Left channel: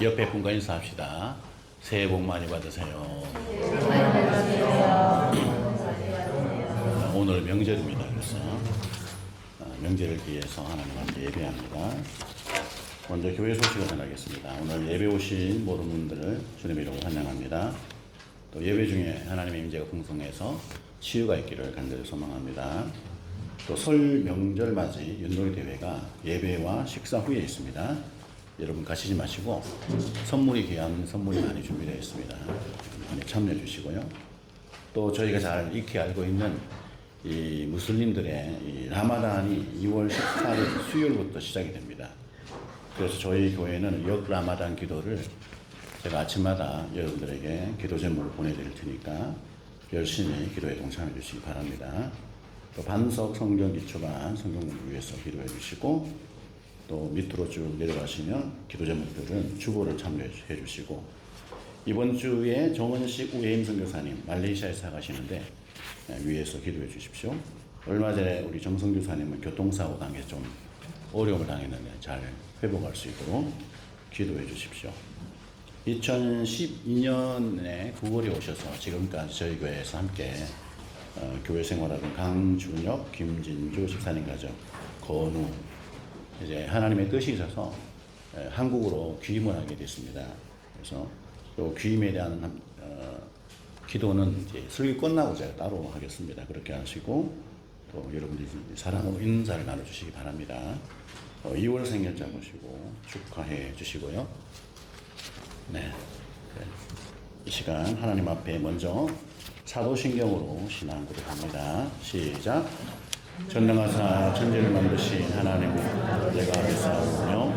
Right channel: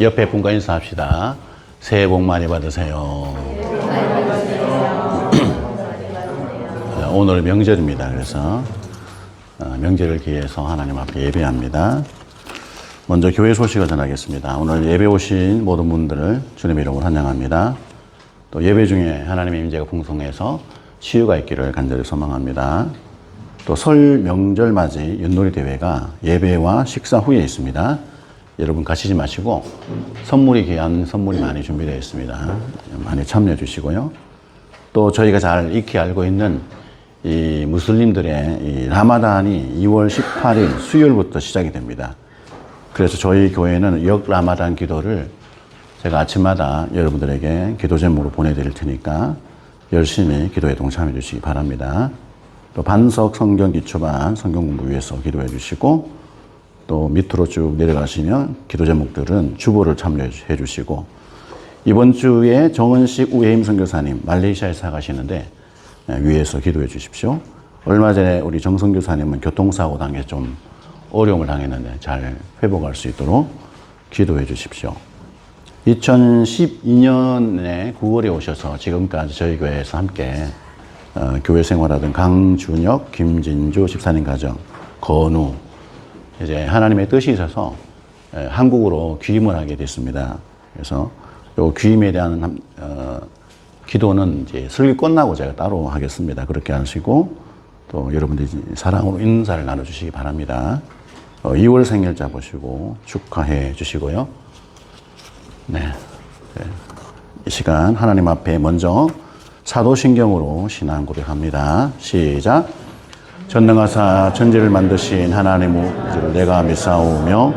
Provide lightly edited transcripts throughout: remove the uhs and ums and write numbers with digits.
옆에 분과 인사합시다. 새해 복 많이 받으세요. 오늘 명절입니다. 그래서 명절을 기해서 하나님 앞에 예배합니다. 먼저 교회 소식을 전하겠습니다. 오늘 예배 오신 모든 분들을 주님의 이름으로 환영합니다. 또 예배 중에 하나님의 임재가 풍성해서 치유가 있기를 간절히 소망합니다. 또 설 명절 맞이 윷놀이 대회가 예배와 식사 후에 있습니다. 여러분 가시지 마시고 선물이 귀한 선물이 많이 준비되어 있습니다. 많이 참여해 주시고요. 또 저희가 잘 익히 알고 있는 이 무슬림들의 이 라마단이 2월 18일 수요일부터 시작이 됩니다. 그래서 저희 교회는 역 라마단 기도를 제가 아침마다 여러분들에게 기도 제목으로 보내드릴 테니까 열심히 기도에 동참해 주시기 바랍니다. 또 반석 성경 기초반 성경 공부 위해서 기도해 주시고 또 밑으로 쭉 내려가시면 기도 제목들은 주보를 참여해 주시고 이번 주에 정은식 우혜임 선교사님 말레이시아에서 가시는데 위에서 기도해 주십시오. 얼마 전에 우리 정 선교사님은 교통사고 당해 좀 어려움을 당했는데 잘 회복할 수 있도록 기도해 주십시오. 2012년에 9월에 오셔서 지금까지 저희 교회에서 함께 교회 생활하던 강준혁, 김진주 집사님 가정, 건우 이제 하나님의 뜻이 있어서 한국으로 귀임을 하게 됐습니다. 그래서 요 귀임에 대한 기도는 이제 설교 끝나고 제가 따로 하겠습니다. 그렇게 하시고 또 여러분들이 사랑으로 인사를 나눠주시기 바랍니다. 2월 생일 잡으시고 축하해 주시고요. 네. 이 시간 하나님 앞에 먼저 사도신경으로 신앙 고백합니다. 시작. 전능하사 천지를 만드신 하나님 우주를 내가 믿사오며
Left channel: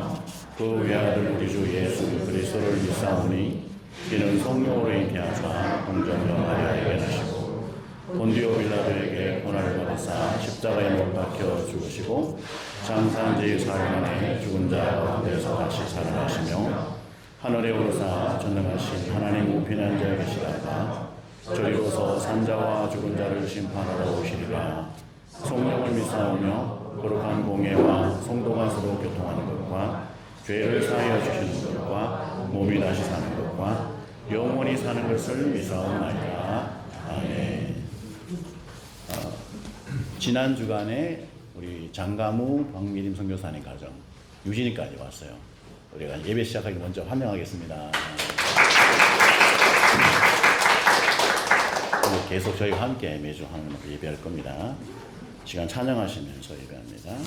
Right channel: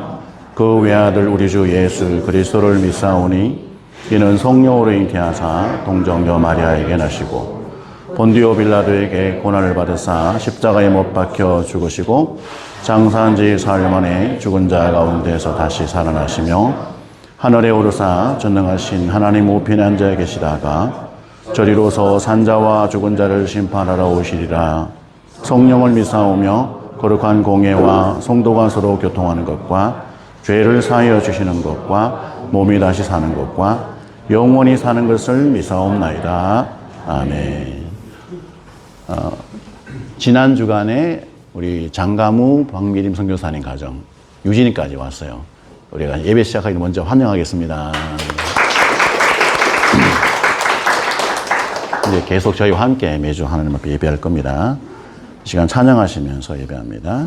그 외아들 우리 주 예수 그리스도를 믿사오니 이는 성령으로 잉태하사 동정녀 마리아에게 나시고 본디오 빌라도에게 고난을 받으사 십자가에 못 박혀 죽으시고 장사한 지 사흘 만에 죽은 자 가운데서 다시 살아나시며 하늘에 오르사 전능하신 하나님 우편에 앉아 계시다가 저리로서 산자와 죽은 자를 심판하러 오시리라. 성령을 믿사오며 거룩한 공예와 성도가 서로 교통하는 것과 죄를 사하여 주시는 것과 몸이 다시 사는 것과 영원히 사는 것을 믿사옵나이다. 아멘. 지난 주간에 우리 장가무 박미림 선교사님 가정 유진이까지 왔어요. 우리가 예배 시작하기 먼저 환영하겠습니다. 이제 계속 저희와 함께 매주 하나님 앞에 예배할 겁니다. 이 시간 찬양하시면서 예배합니다.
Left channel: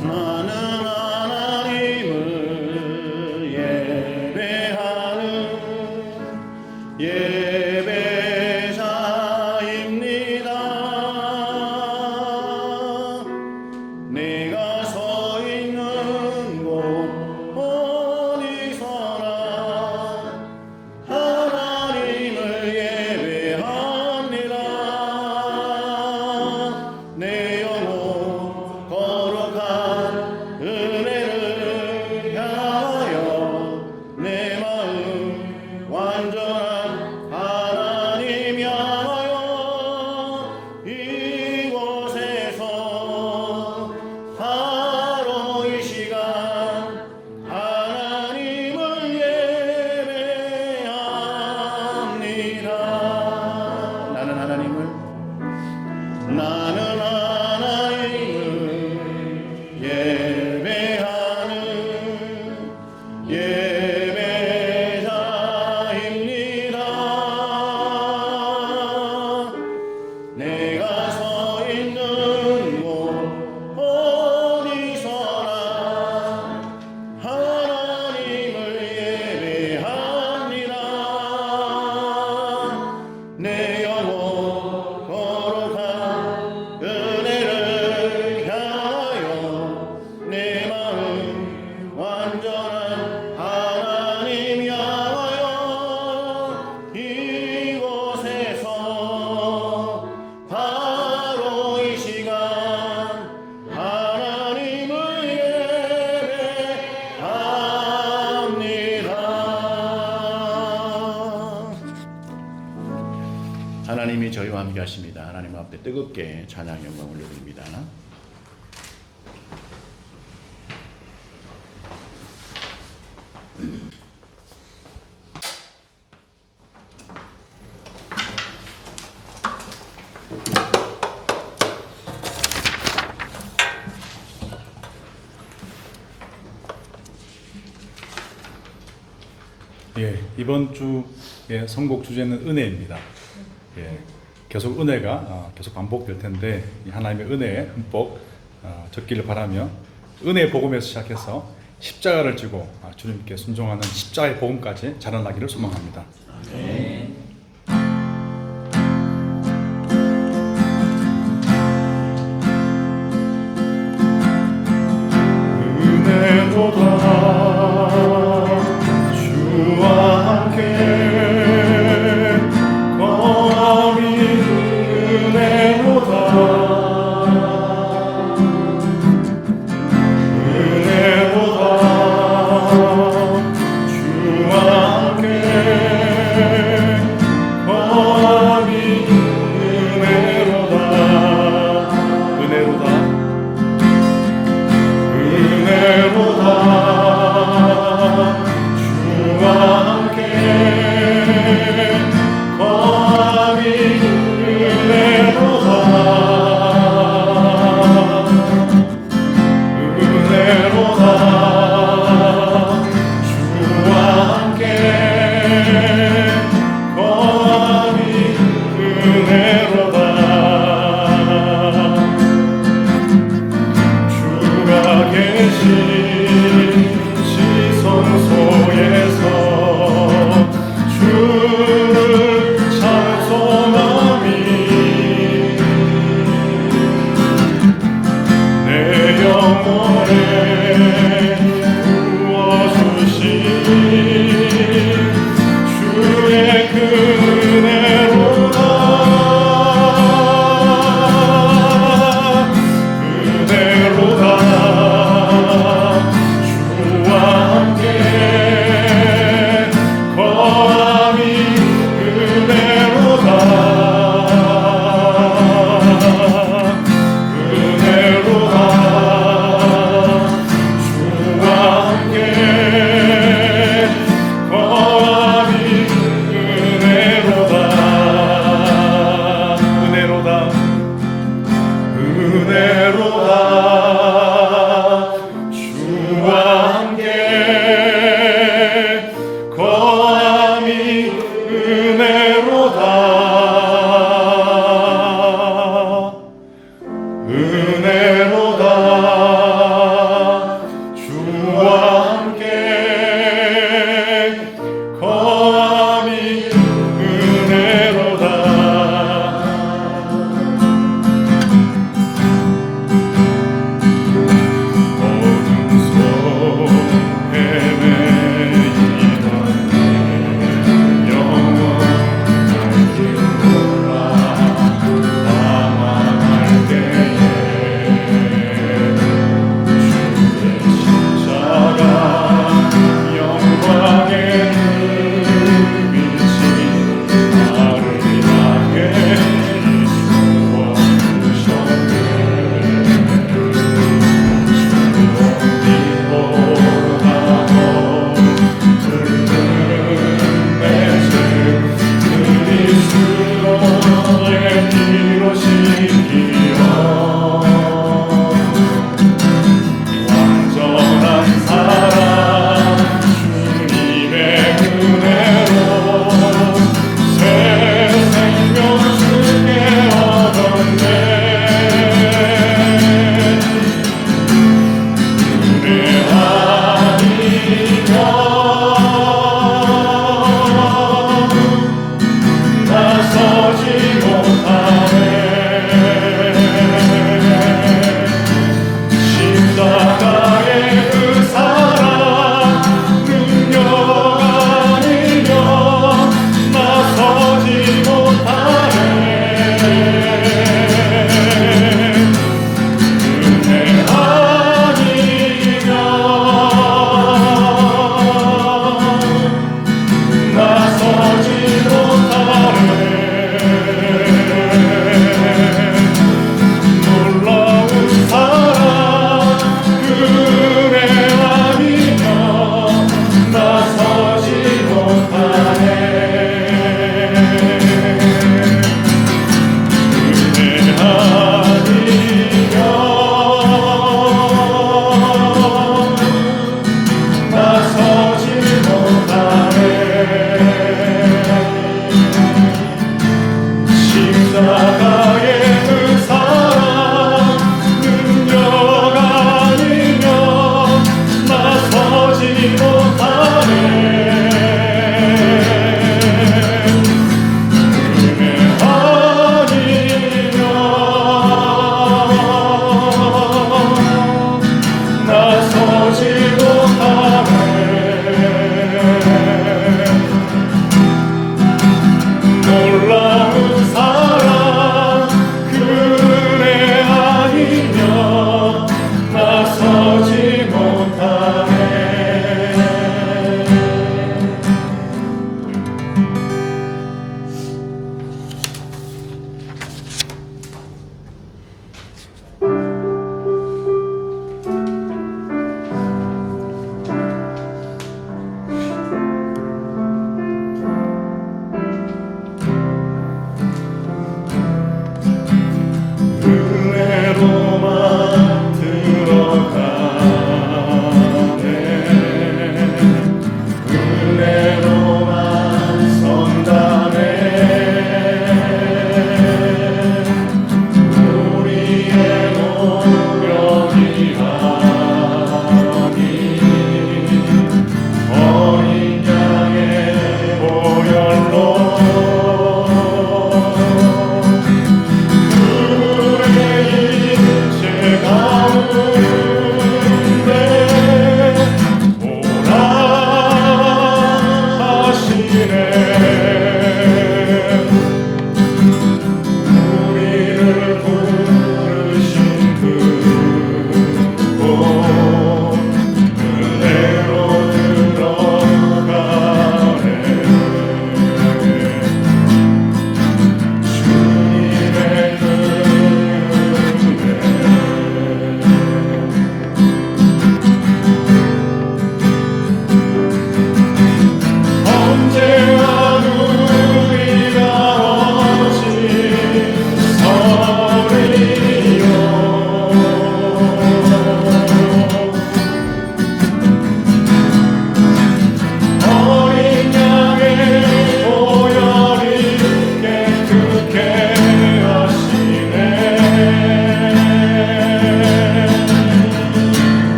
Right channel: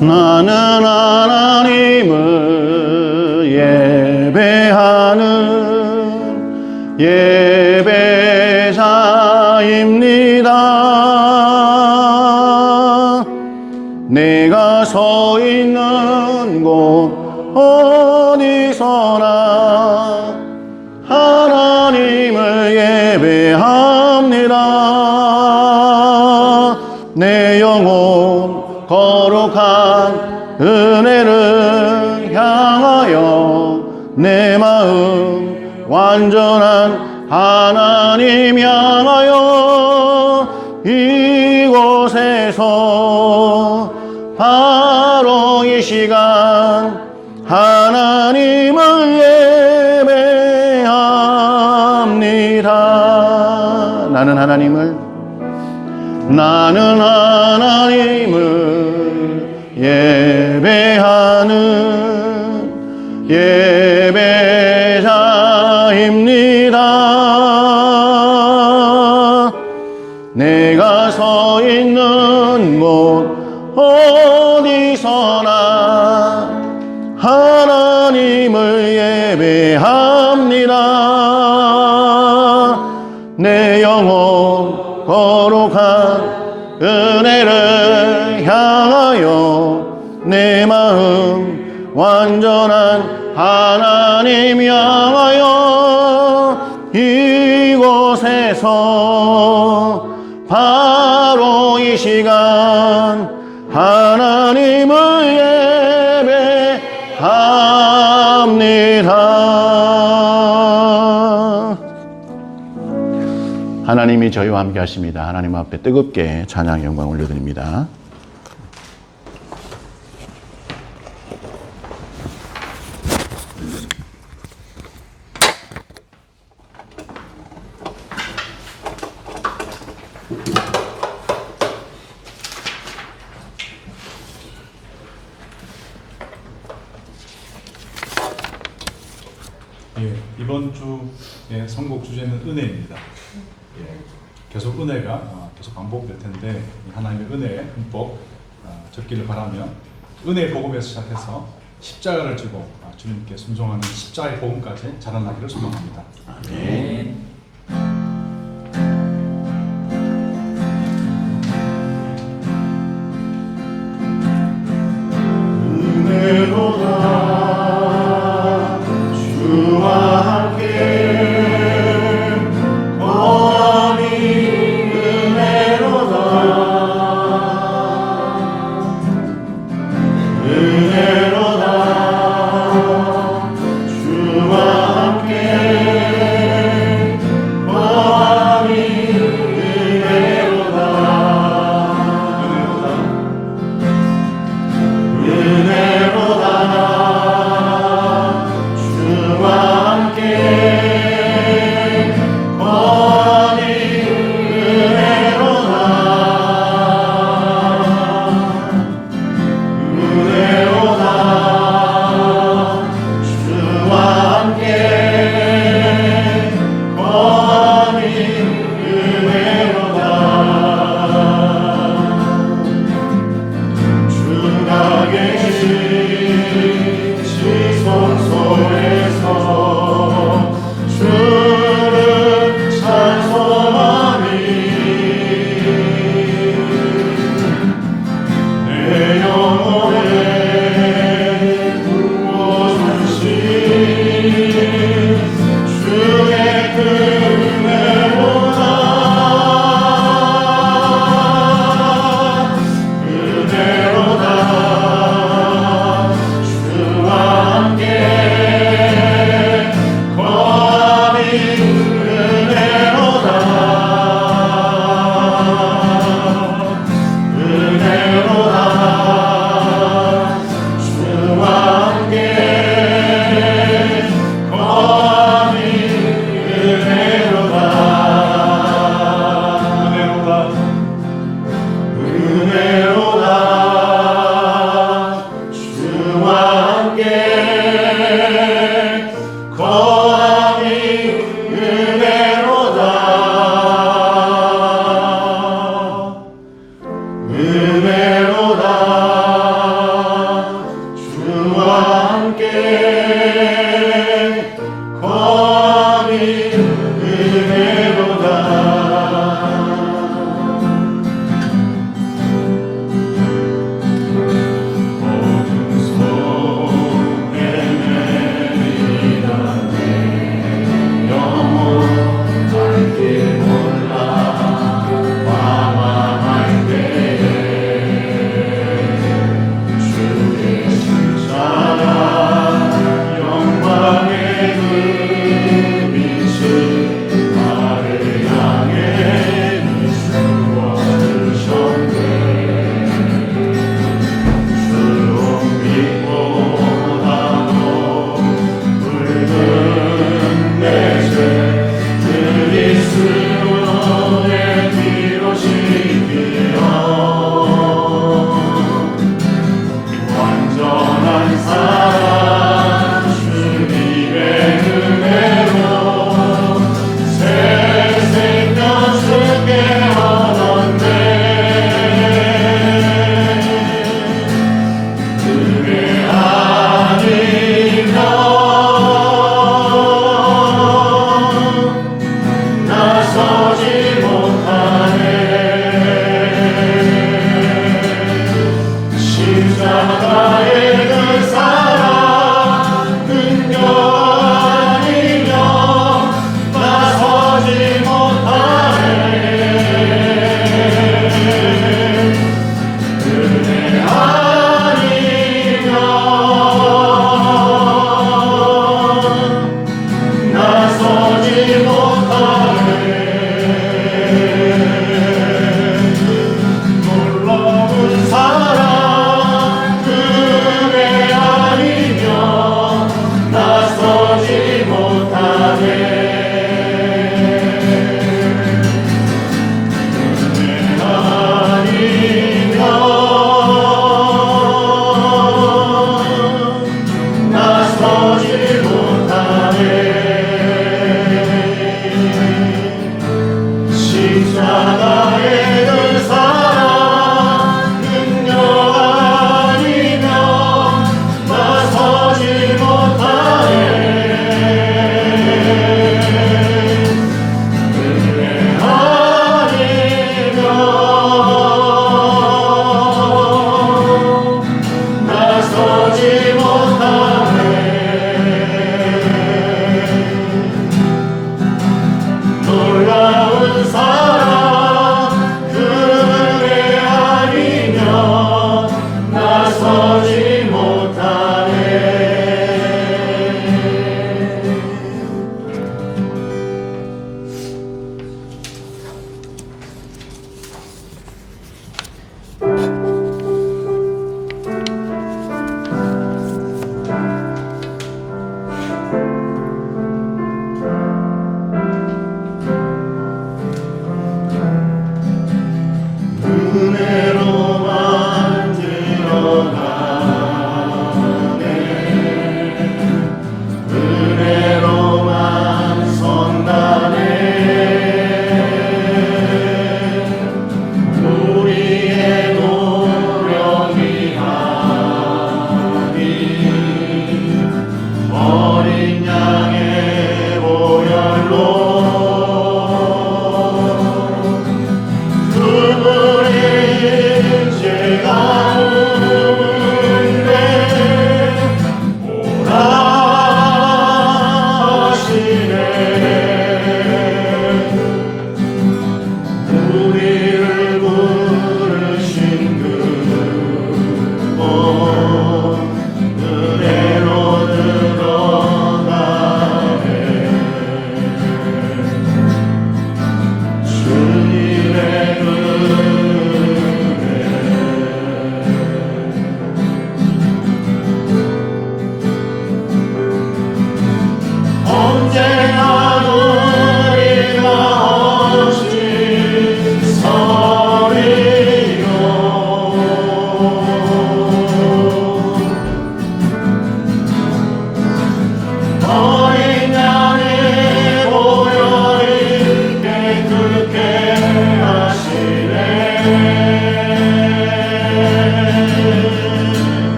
나는 하나님을 예배하는 예배자입니다. 내가 서 있는 곳 어디서나 하나님을 예배합니다. 내 영혼 거룩한 은혜를 향하여 내 마음 완전한 하나님 향하여 이곳에서 바로 이 시간 하나님을 예배합니다. 나는 하나님을 예배하는 예배자입니다. 내가 서 있는 곳 어디서나 하나님을 예배합니다. 내 영혼 거룩한 은혜를 향하여 내 마음 완전한 하나님 향하여 이곳에서 바로 이 시간 하나님을 예배합니다. 찬양하옵니다. 하나님이 저희와 함께 하십니다. 하나님 앞에 뜨겁게 찬양 영광 올려드립니다. 이번 주의 선곡 주제는 은혜입니다. 계속 은혜가 계속 반복될 텐데 하나님의 은혜에 흠뻑 적기를 바라며 은혜의 복음에서 시작해서 십자가를 지고 주님께 순종하는 십자가의 복음까지 자라나기를 소망합니다. 아멘.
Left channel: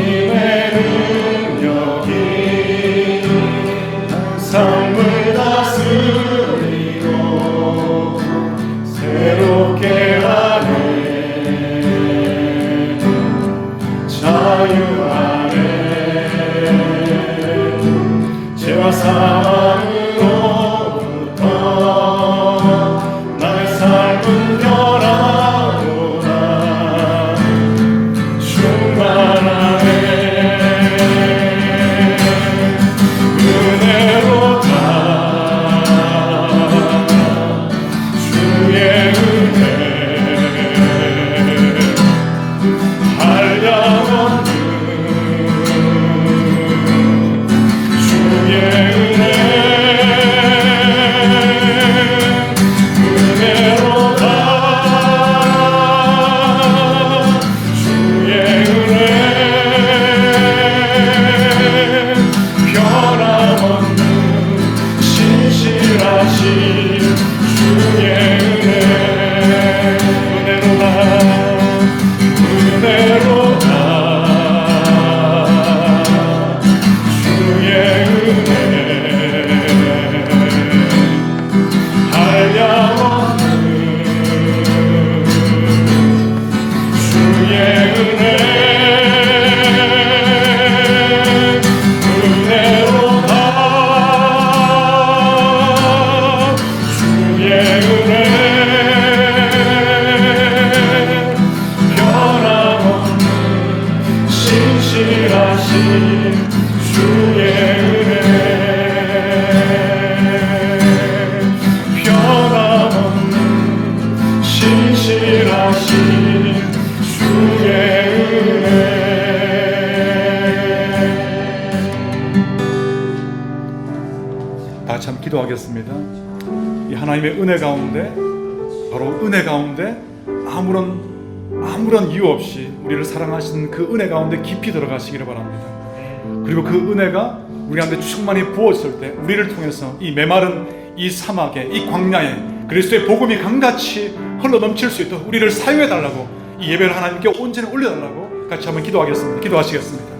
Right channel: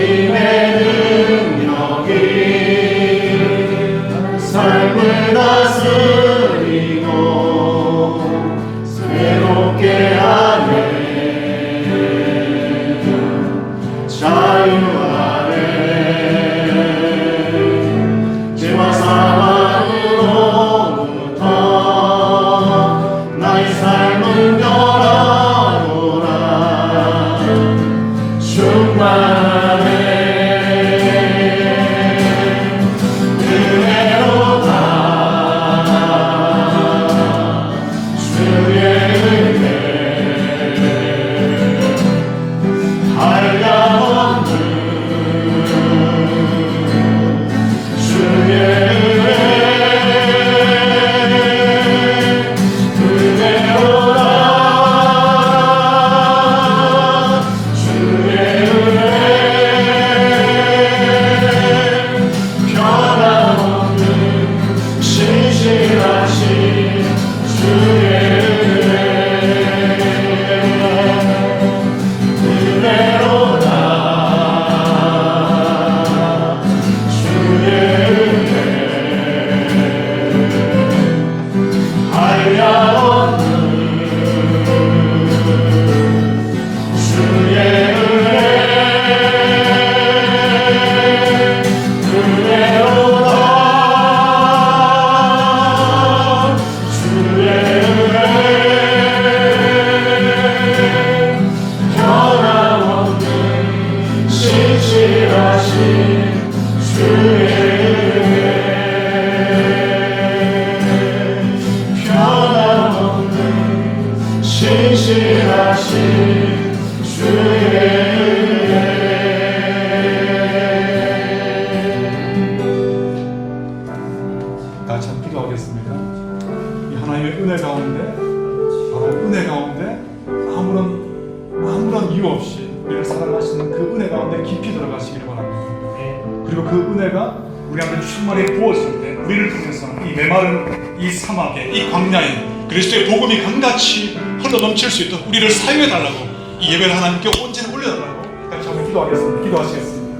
하나님의 능력이 삶을 다스리고 새롭게 하네 자유하네 죄와 사랑으로부터 나의 삶은 변화로라 충만하네 은혜로다 주의 은혜 한량없는 주의 은혜로다 주의 은혜 변함없는 신실하신 주의 은혜로다 은혜로다 주의 은혜 한량없는 주의 은혜로다 주의 은혜 변함없는 신실하신 주의 은혜 변함없는 신실하신 주의 은혜 다 같이 한번 기도하겠습니다. 이 하나님의 은혜 가운데, 바로 은혜 가운데 아무런 이유 없이 우리를 사랑하시는 그 은혜 가운데 깊이 들어가시기를 바랍니다. 그리고 그 은혜가 우리한테 충만히 부었을 때 우리를 통해서 이 메마른 이 사막에, 이 광야에 그리스도의 복음이 강같이 흘러넘칠 수 있도록 우리를 사용해달라고, 이 예배를 하나님께 온전히 올려달라고 같이 한번 기도하겠습니다. 기도하시겠습니다.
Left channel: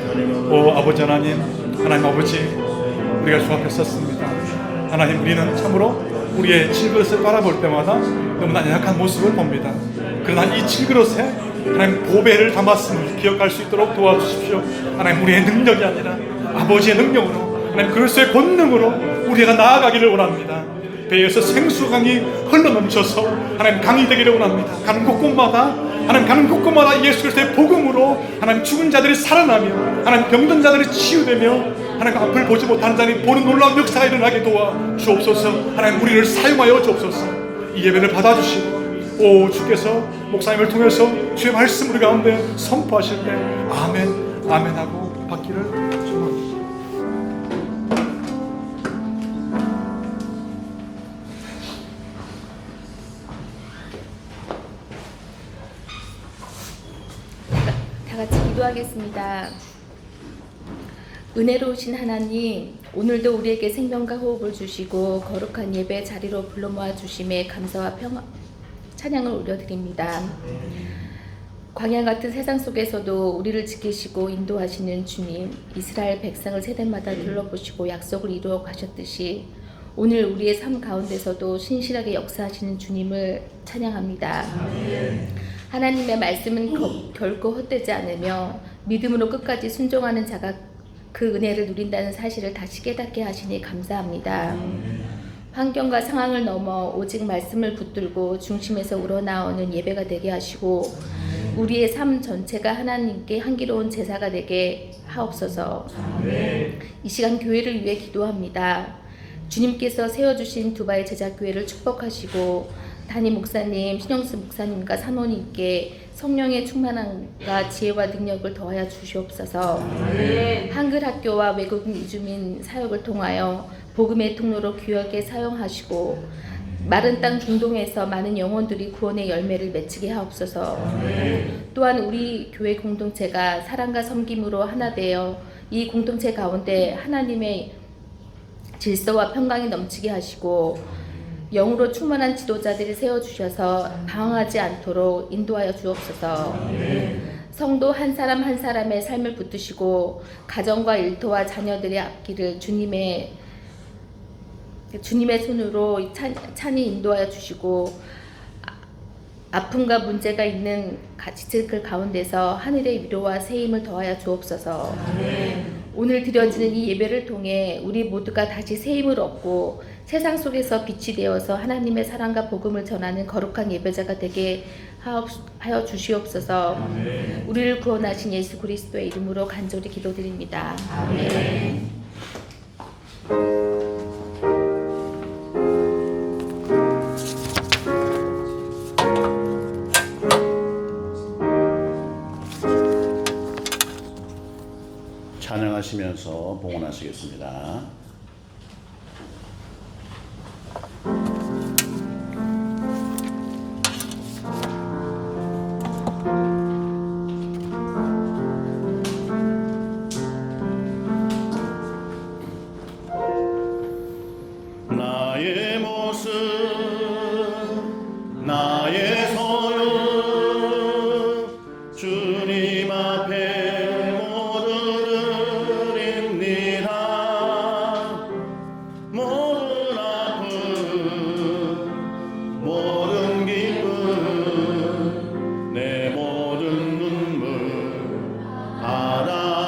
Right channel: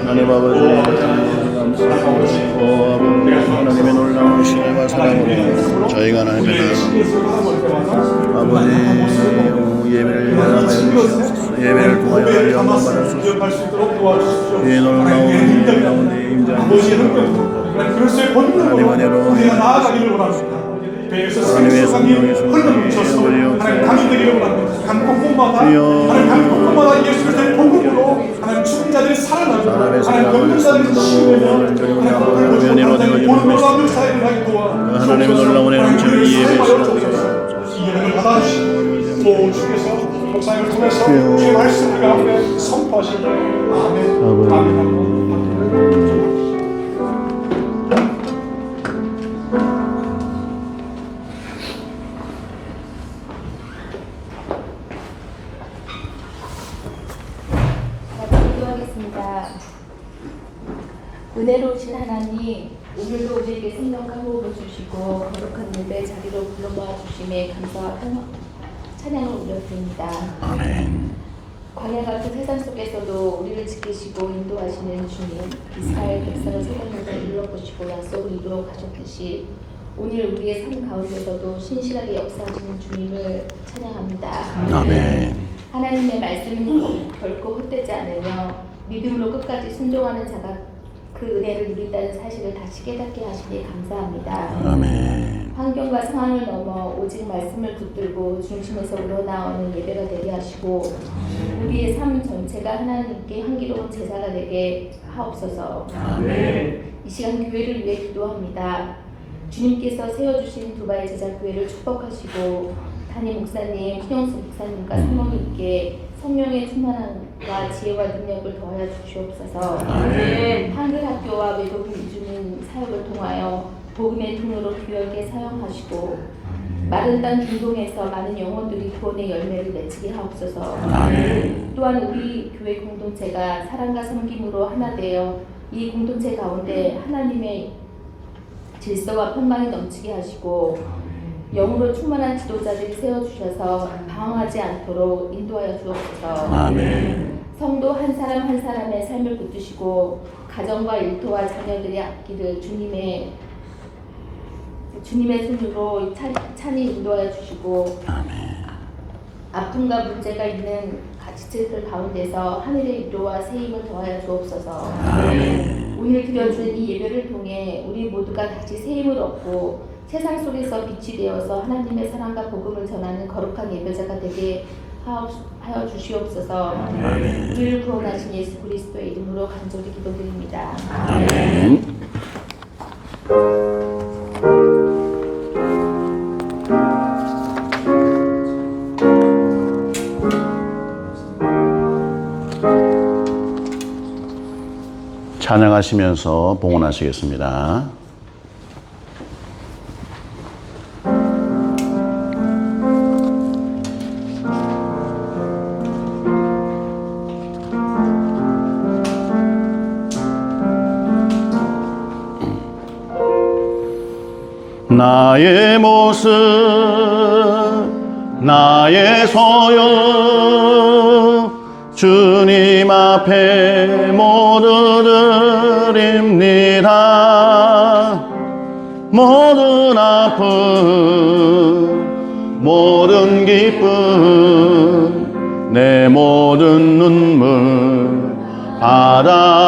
하나님 아버지 오 아버지 하나님 아버지, 우리가 주하옵소서. 하나님, 우리는 참으로 우리의 질그릇을 바라볼 때마다 너무나 약한 모습을 봅니다. 그러나 이 질그릇에 하나님 고배를 담았음을 기억할 수 있도록 도와주십시오. 하나님, 우리의 능력이 아니라 아버지의 능력으로, 하나님 그리스도의 본능으로 우리가 나아가기를 원합니다. 배에서 생수강이 흘러넘쳐서 하나님 강이 되기를 원합니다. 강 곳곳마다 하나님 강 곳곳마다 예수 그리스도의 복음으로 하나님 죽은 자들이 살아나며 하나님 병든 자들이 치유되며 하나님 앞을 보지 못하는 자들이 보는 놀라운 역사가 일어나게 도와주옵소서. 하나님 우리를 사용하여 주옵소서. 이 예배를 받아주시고 오 주께서 목사님을 통해서 주의 말씀 우리 가운데 선포하신 거예요. 아멘 아멘 하고 받기를 축원합니다. 다 같이 기도하겠습니다. 은혜로우신 하나님, 오늘도 우리에게 생명과 호흡을 주시고 거룩한 예배 자리로 불러 모아 주심에 감사와 평화 찬양을 올려드립니다. 아멘. 광야 같은 세상 속에서도 우리를 지키시고 인도하시는 주님, 이스라엘 백성을 세대마다 둘러보시고 약속을 이루어 가셨듯이 오늘 우리의 삶 가운데서도 신실하게 역사하시는 주님을 찬양합니다. 아멘. 하나님의 말씀은 결코 헛되지 않으며 믿음으로 끝까지 순종하는 자가 그 은혜를 누린다는 사실을 다시 깨닫게 하시니 감사합니다. 아멘. 환경과 상황을 넘어 오직 말씀을 붙들고 중심에서 우러나오는 예배가 되게 하시고 우리의 삶 전체가 하나님께 향기로운 제사가 되게 하옵소서. 이 시간 교회를 위해 기도합니다. 주님께서 세워주신 두바이 제자교회를 축복하시고 담임 목사님, 신영수 목사님과 사모님께 성령의 충만함과 지혜와 능력을 더하여 주시옵소서. 한글 학교와 외국인 이주민 사역을 통하여 복음의 통로로 귀하게 사용하시고 마른 땅 중동에서 많은 영혼들이 구원의 열매를 맺히게 하옵소서. 또한 우리 교회 공동체가 사랑과 섬김으로 하나 되어 이 공동체 가운데 하나님의 질서와 평강이 넘치게 하시고 영으로 충만한 지도자들이 세워주셔서 방황하지 않도록 인도하여 주옵소서. 아멘. 성도 한 사람 한 사람의 삶을 붙드시고 가정과 일터와 자녀들의 앞길을 주님의 손으로 찬히 인도하여 주시고 아픔과 문제가 있는 지체들 가운데서 하늘의 위로와 새 힘을 더하여 주옵소서. 오늘 드려지는 이 예배를 통해 우리 모두가 다시 새 힘을 얻고 세상 속에서 빛이 되어서 하나님의 사랑과 복음을 전하는 거룩한 예배자가 되게 하여 주시옵소서. 우리를 구원하신 예수 그리스도의 이름으로 간절히 기도드립니다. 아멘. 찬양하시면서 봉헌하시겠습니다. 나의 모습 나의 소유 주님 앞에 모두 드립니다. 모든 아픔 모든 기쁨 내 모든 눈물 받아주소서.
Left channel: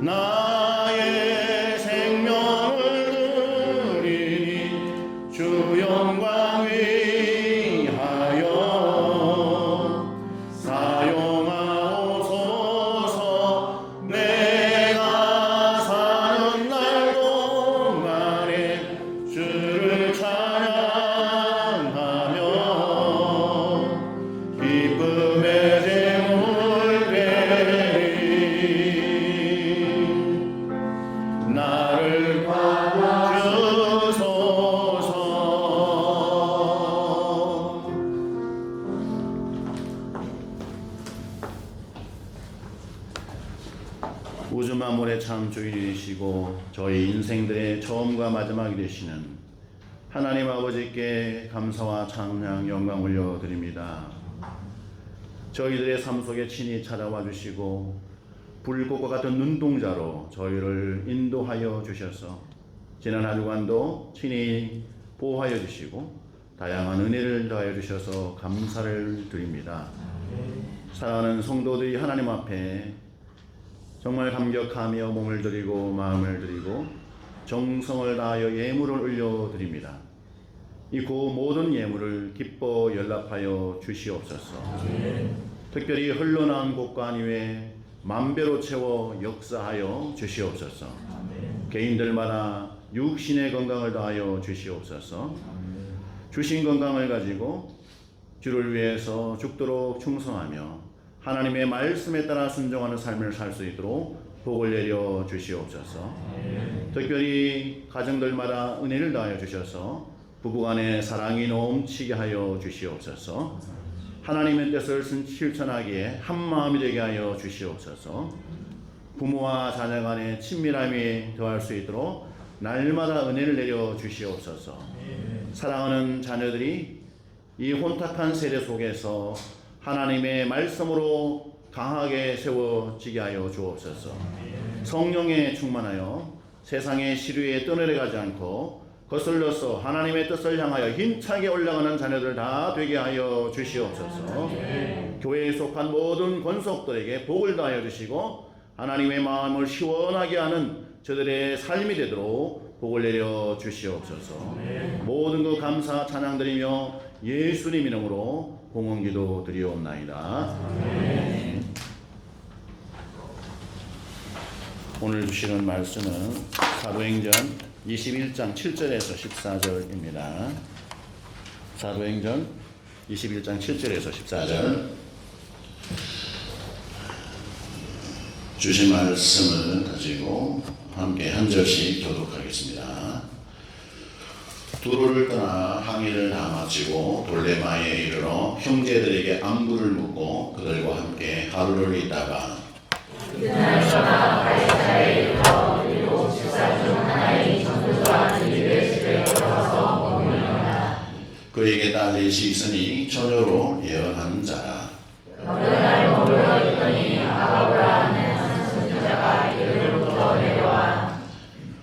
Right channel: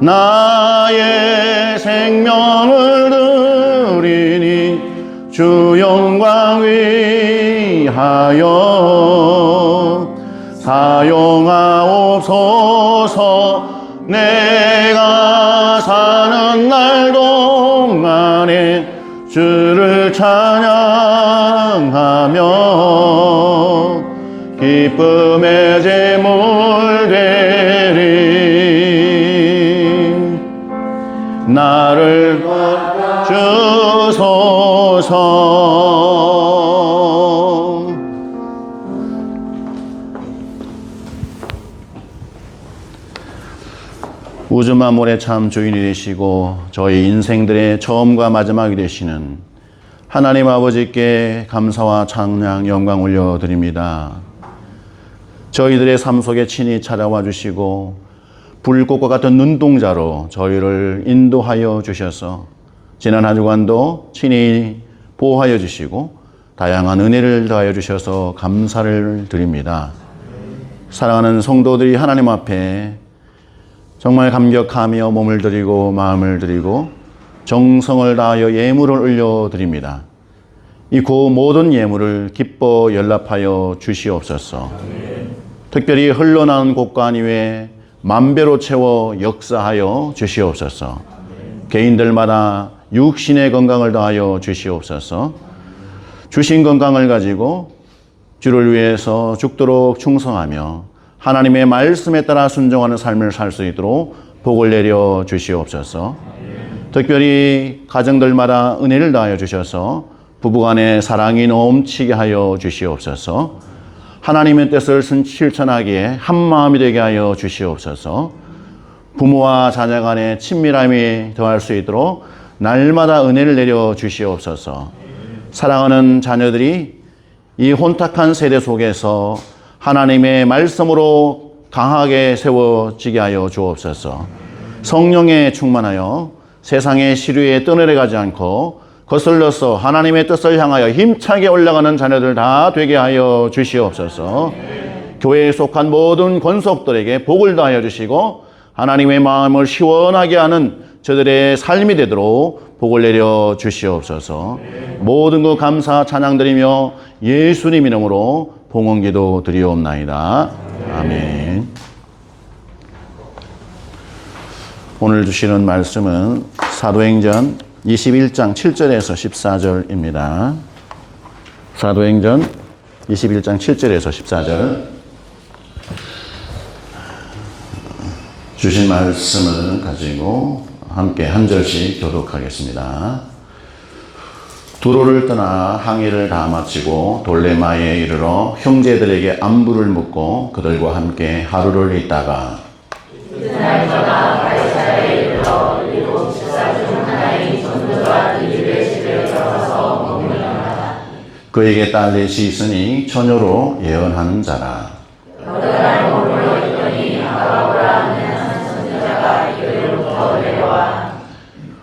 나의 생명을 드리니 주 영광 위하여 사용하옵소서. 내가 사는 날 동안에 주를 찬양하며 기쁨의 제물 되리. 나를 주소서. 우주 만물의 참 주인이 되시고 저희 인생들의 처음과 마지막이 되시는 하나님 아버지께 감사와 찬양 영광 올려드립니다. 저희들의 삶 속에 친히 찾아와 주시고 불꽃과 같은 눈동자로 저희를 인도하여 주셔서 지난 한 주간도 친히 보호하여 주시고 다양한 은혜를 더하여 주셔서 감사를 드립니다. 사랑하는 성도들이 하나님 앞에 정말 감격하며 몸을 드리고 마음을 드리고 정성을 다하여 예물을 올려드립니다. 이 그 모든 예물을 기뻐 연락하여 주시옵소서. 특별히 흘러나온 곳간 위에 만배로 채워 역사하여 주시옵소서. 개인들마다 육신의 건강을 더하여 주시옵소서. 주신 건강을 가지고 주를 위해서 죽도록 충성하며 하나님의 말씀에 따라 순종하는 삶을 살 수 있도록 복을 내려 주시옵소서. 특별히 가정들마다 은혜를 더하여 주셔서 부부간의 사랑이 넘치게 하여 주시옵소서. 하나님의 뜻을 실천하기에 한마음이 되게 하여 주시옵소서. 부모와 자녀 간의 친밀함이 더할 수 있도록 날마다 은혜를 내려 주시옵소서. 사랑하는 자녀들이 이 혼탁한 세대 속에서 하나님의 말씀으로 강하게 세워지게 하여 주옵소서. 성령에 충만하여 세상의 시류에 떠내려가지 않고 거슬러서 하나님의 뜻을 향하여 힘차게 올라가는 자녀들 다 되게 하여 주시옵소서. 교회에 속한 모든 권속들에게 복을 다하여 주시고 하나님의 마음을 시원하게 하는 저들의 삶이 되도록 복을 내려 주시옵소서. 모든 것 감사 찬양드리며 예수님 이름으로 봉헌기도 드리옵나이다. 아멘. 오늘 주시는 말씀은 사도행전 21장 7절에서 14절입니다. 사도행전 21장 7절에서 14절. 주신 말씀을 가지고 함께 한 절씩 교독하겠습니다. 두로를 떠나 항해를 다 마치고 돌레마에 이르러 형제들에게 안부를 묻고 그들과 함께 하루를 있다가 그날서가 발사에 이르러 일곱 그에게 딸 넷이 있으니 처녀로 예언하는 자라.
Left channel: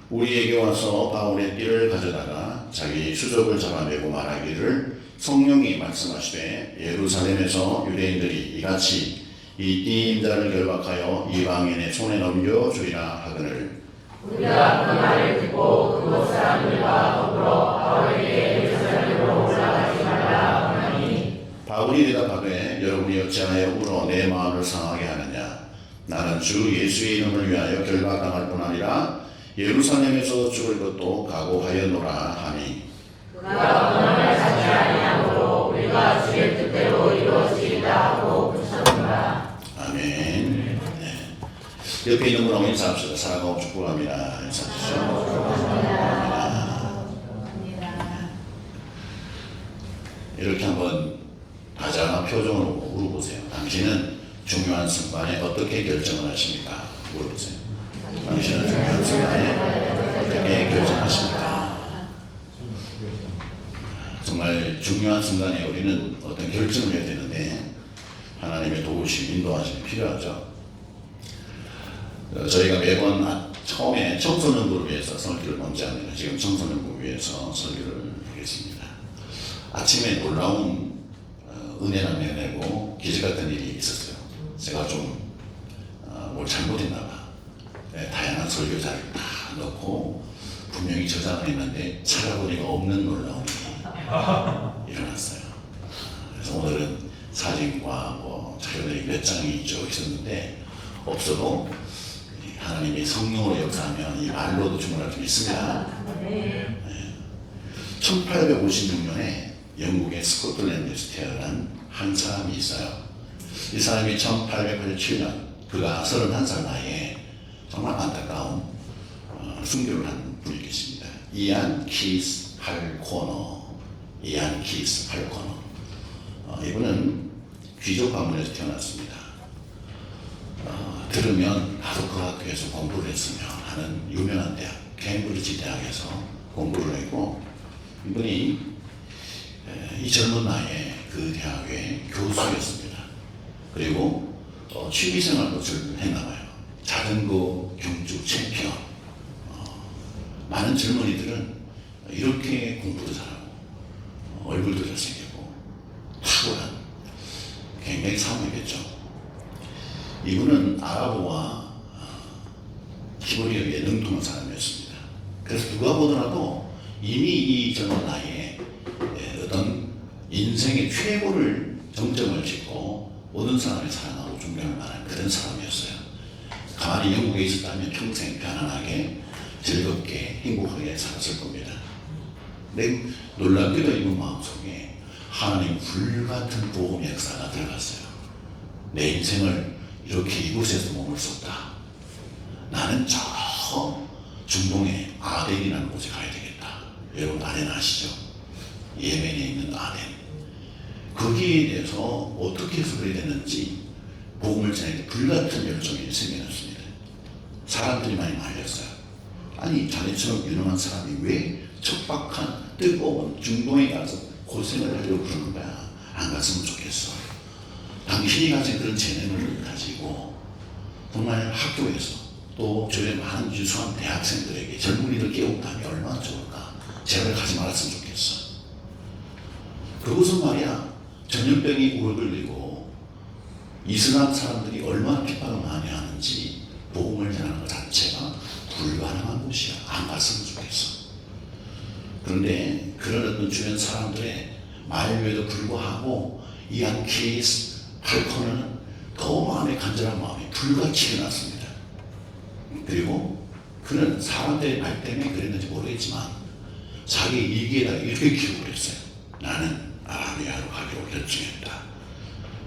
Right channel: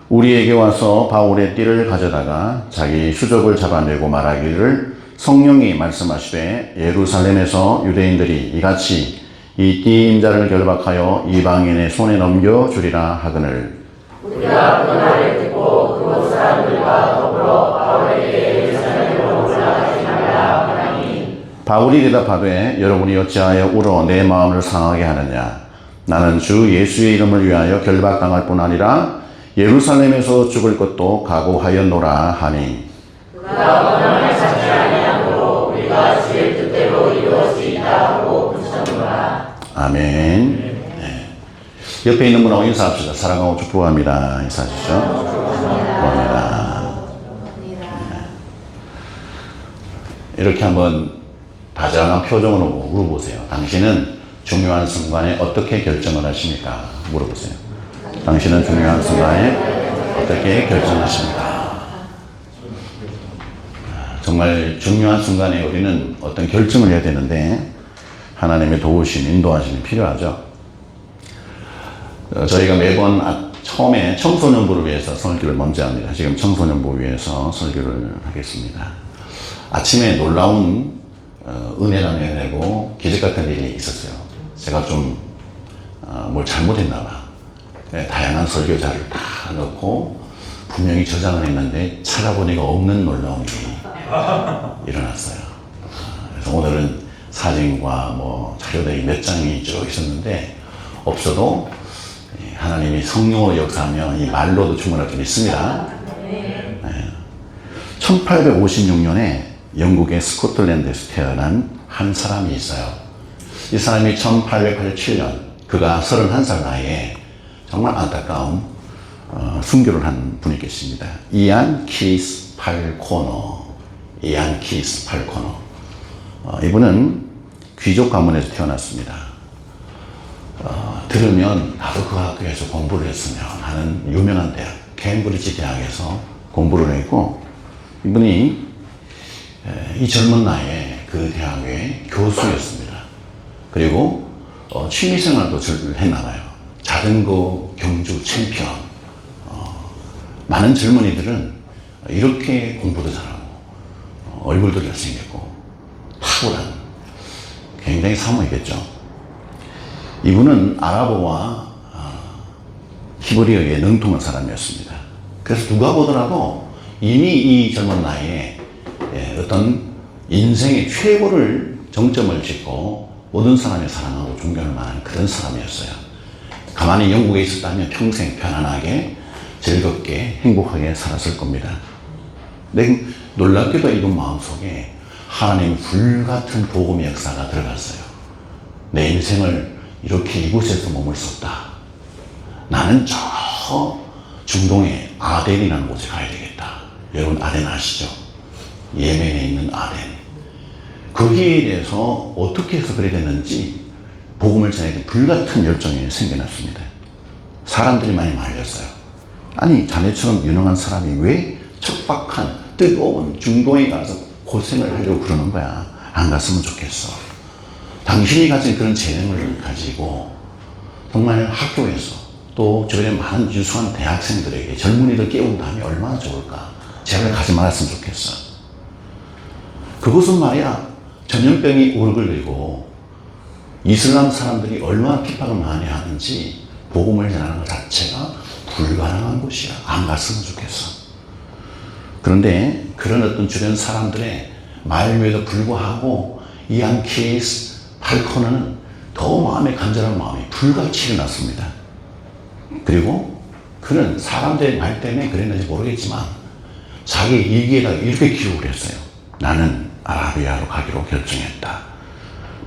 우리에게 와서 바울의 띠를 가져다가 자기 수족을 잡아내고 말하기를 성령이 말씀하시되 예루살렘에서 유대인들이 이같이 이 띠 임자를 결박하여 이방인의 손에 넘겨주리라 하거늘. 우리가 그 말을 듣고 그곳 사람들과 더불어 바울에게 예루살렘으로 올라가지 말라 하나니. 바울이 대답하되 여러분이 어찌하여 울어 내 마음을 상하게 하느냐. 나는 주 예수의 이름을 위하여 결박당할 뿐 아니라 예루살렘에서 죽을 것도 각오하였노라 하니. 그가 원함을 찾지 아니하므로 우리가 주의 뜻대로 이루어지이다 하고 붙였노라. 아멘. 네. 옆에 있는 분하고 인사합시다. 사랑하고 축복합니다. 인사하시죠. 축복합니다. 이렇게 한번 다정한 표정으로 물어보세요. 당신은 중요한 순간에 어떻게 결정을 하십니까? 물어보세요. 당신은 중요한 순간에 어떻게 결정하십니까? 정말 중요한 순간에 우리는 어떤 결정을 해야 되는데 하나님의 도우심, 인도하심이 필요하죠. 저희가 매번 처음에 청소년부를 위해서 설교를 먼저 합니다. 지금 청소년부 위해서 설교를 하겠습니다. 아침에 놀라운 은혜를 내고 기적 같은 일이 있었어요. 제가 좀 뭘 잘못했나 봐. 네, 다양한 설교자를 다 넣고 분명히 저장을 했는데 찾아보니까 없는 놀라운 일이 일어났어요. 그래서 오늘은 사진과 뭐 자료들이 몇 장이 쭉 있었는데 없어도 하나님이 성령으로 역사하면 이 말로도 충분할 줄 믿습니다. 네. 1856년에 영국의 스코틀랜드에서 태어난 한 사람이 있어요. 이 사람이 1887년 그가 31살 나이에 정말 안타까운 순교를 한 분이 계십니다. 이안 키스 팔코너. 이안 키스 팔코너. 이분은 귀족 가문에서 태어났습니다. 들으면 나도 그 학교에서 공부를 했으면 하는 유명한 대학, 케임브리지 대학에서 공부를 했고, 이분이 이 젊은 나이에 그 대학의 교수였습니다. 그리고 취미생활도 했나 봐요. 자전거 경주 챔피언. 많은 젊은이들은 이렇게 공부도 잘하고 얼굴도 잘생겼고 탁월한 굉장히 사모이겠죠. 이분은 아랍어와 히브리어에 능통한 사람이었습니다. 그래서 누가 보더라도 이미 이 젊은 나이에 어떤 인생의 최고를 정점을 짓고 모든 사람의 사랑하고 존경할 만한 그런 사람이었어요. 가만히 영국에 있었다면 평생 편안하게 즐겁게 행복하게 살았을 겁니다. 근데 놀랍게도 이분 마음속에 하나님 불같은 복음의 역사가 들어갔어요. 내 인생을 이렇게 이곳에서 머물렀다. 나는 저 중동의 아덴이라는 곳에 가야 되겠다. 여러분 아덴 아시죠? 예멘에 있는 아덴. 거기에 대해서 어떻게 해서 그래 됐는지 복음을 전하기 불같은 열정이 생겨났습니다. 사람들이 많이 말렸어요. 아니 자네처럼 유능한 사람이 왜 척박한 뜨거운 중동에 가서 고생을 하려고 그러는 거야. 안 갔으면 좋겠어. 당신이 가진 그런 재능을 가지고 정말 학교에서 또 주변에 많은 유수한 대학생들에게 젊은이들 깨운다면 얼마나 좋을까. 제발 가지 말았으면 좋겠어. 그것은 말이야 전염병이 오르걸리고 이슬람 사람들이 얼마나 핍박을 많이 하는지 복음을 전하는 것 자체가 불가능한 곳이야. 안 갔으면 좋겠어. 그런데 그런 어떤 주변 사람들의 말에도 불구하고 이안 키스 팔코너는 더 마음에 간절한 마음이 불같이 일어났습니다. 그리고 그는 사람들의 말 때문에 그랬는지 모르겠지만 자기 일기에다가 이렇게 기록을 했어요. 나는 아라비아로 가기로 결정했다.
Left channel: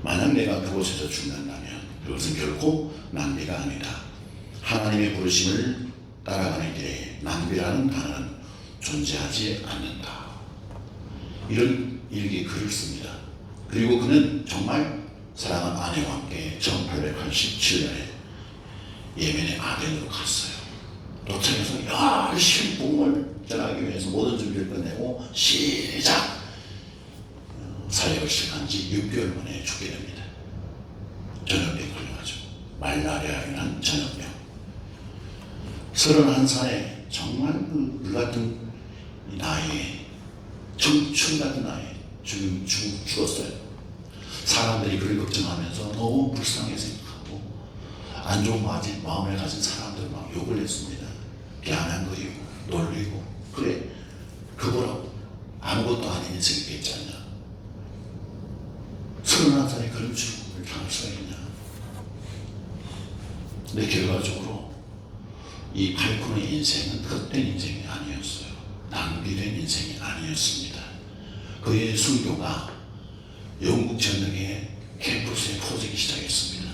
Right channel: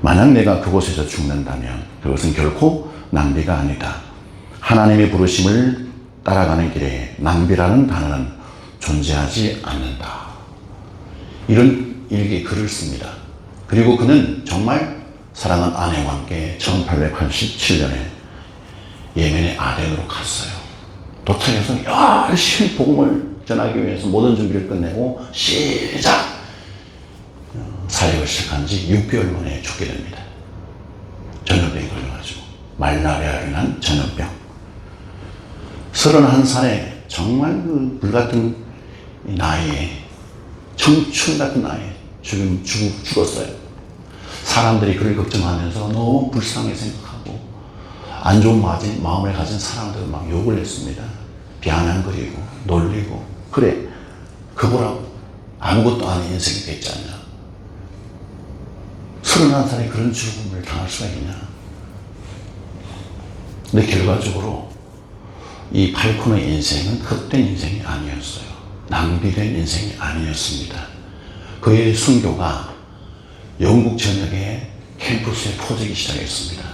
만약 내가 그곳에서 죽는다면 그것은 결코 낭비가 아니다. 하나님의 부르심을 따라가는 길에 낭비라는 단어는 존재하지 않는다. 이런 일기 글을 씁니다. 그리고 그는 정말 사랑하는 아내와 함께 1887년에 예멘의 아덴으로 갔어요. 도착해서 열심히 복음을 전하기 위해서 모든 준비를 끝내고 시작! 사역을 시작한 지 6개월 만에 죽게 됩니다. 전염병에 걸려가지고 말라리아로 인한 전염병. 31살에 정말 그 불같은 나이에, 청춘 같은 나이에 죽었어요. 사람들이 그를 걱정하면서 너무 불쌍히 생각하고 안 좋은 마음을 가진 사람들은 막 욕을 했습니다. 비아냥거리고 놀리고. 그래, 그거라고 아무것도 아닌 인생이 됐지 않냐. 31살에 그런 죽음을 당할 수가 있냐. 근데 결과적으로 이 팔콘의 인생은 헛된 인생이 아니었어요. 낭비된 인생이 아니었습니다. 그의 순교가 영국 전역의 캠퍼스에 퍼지기 시작했습니다.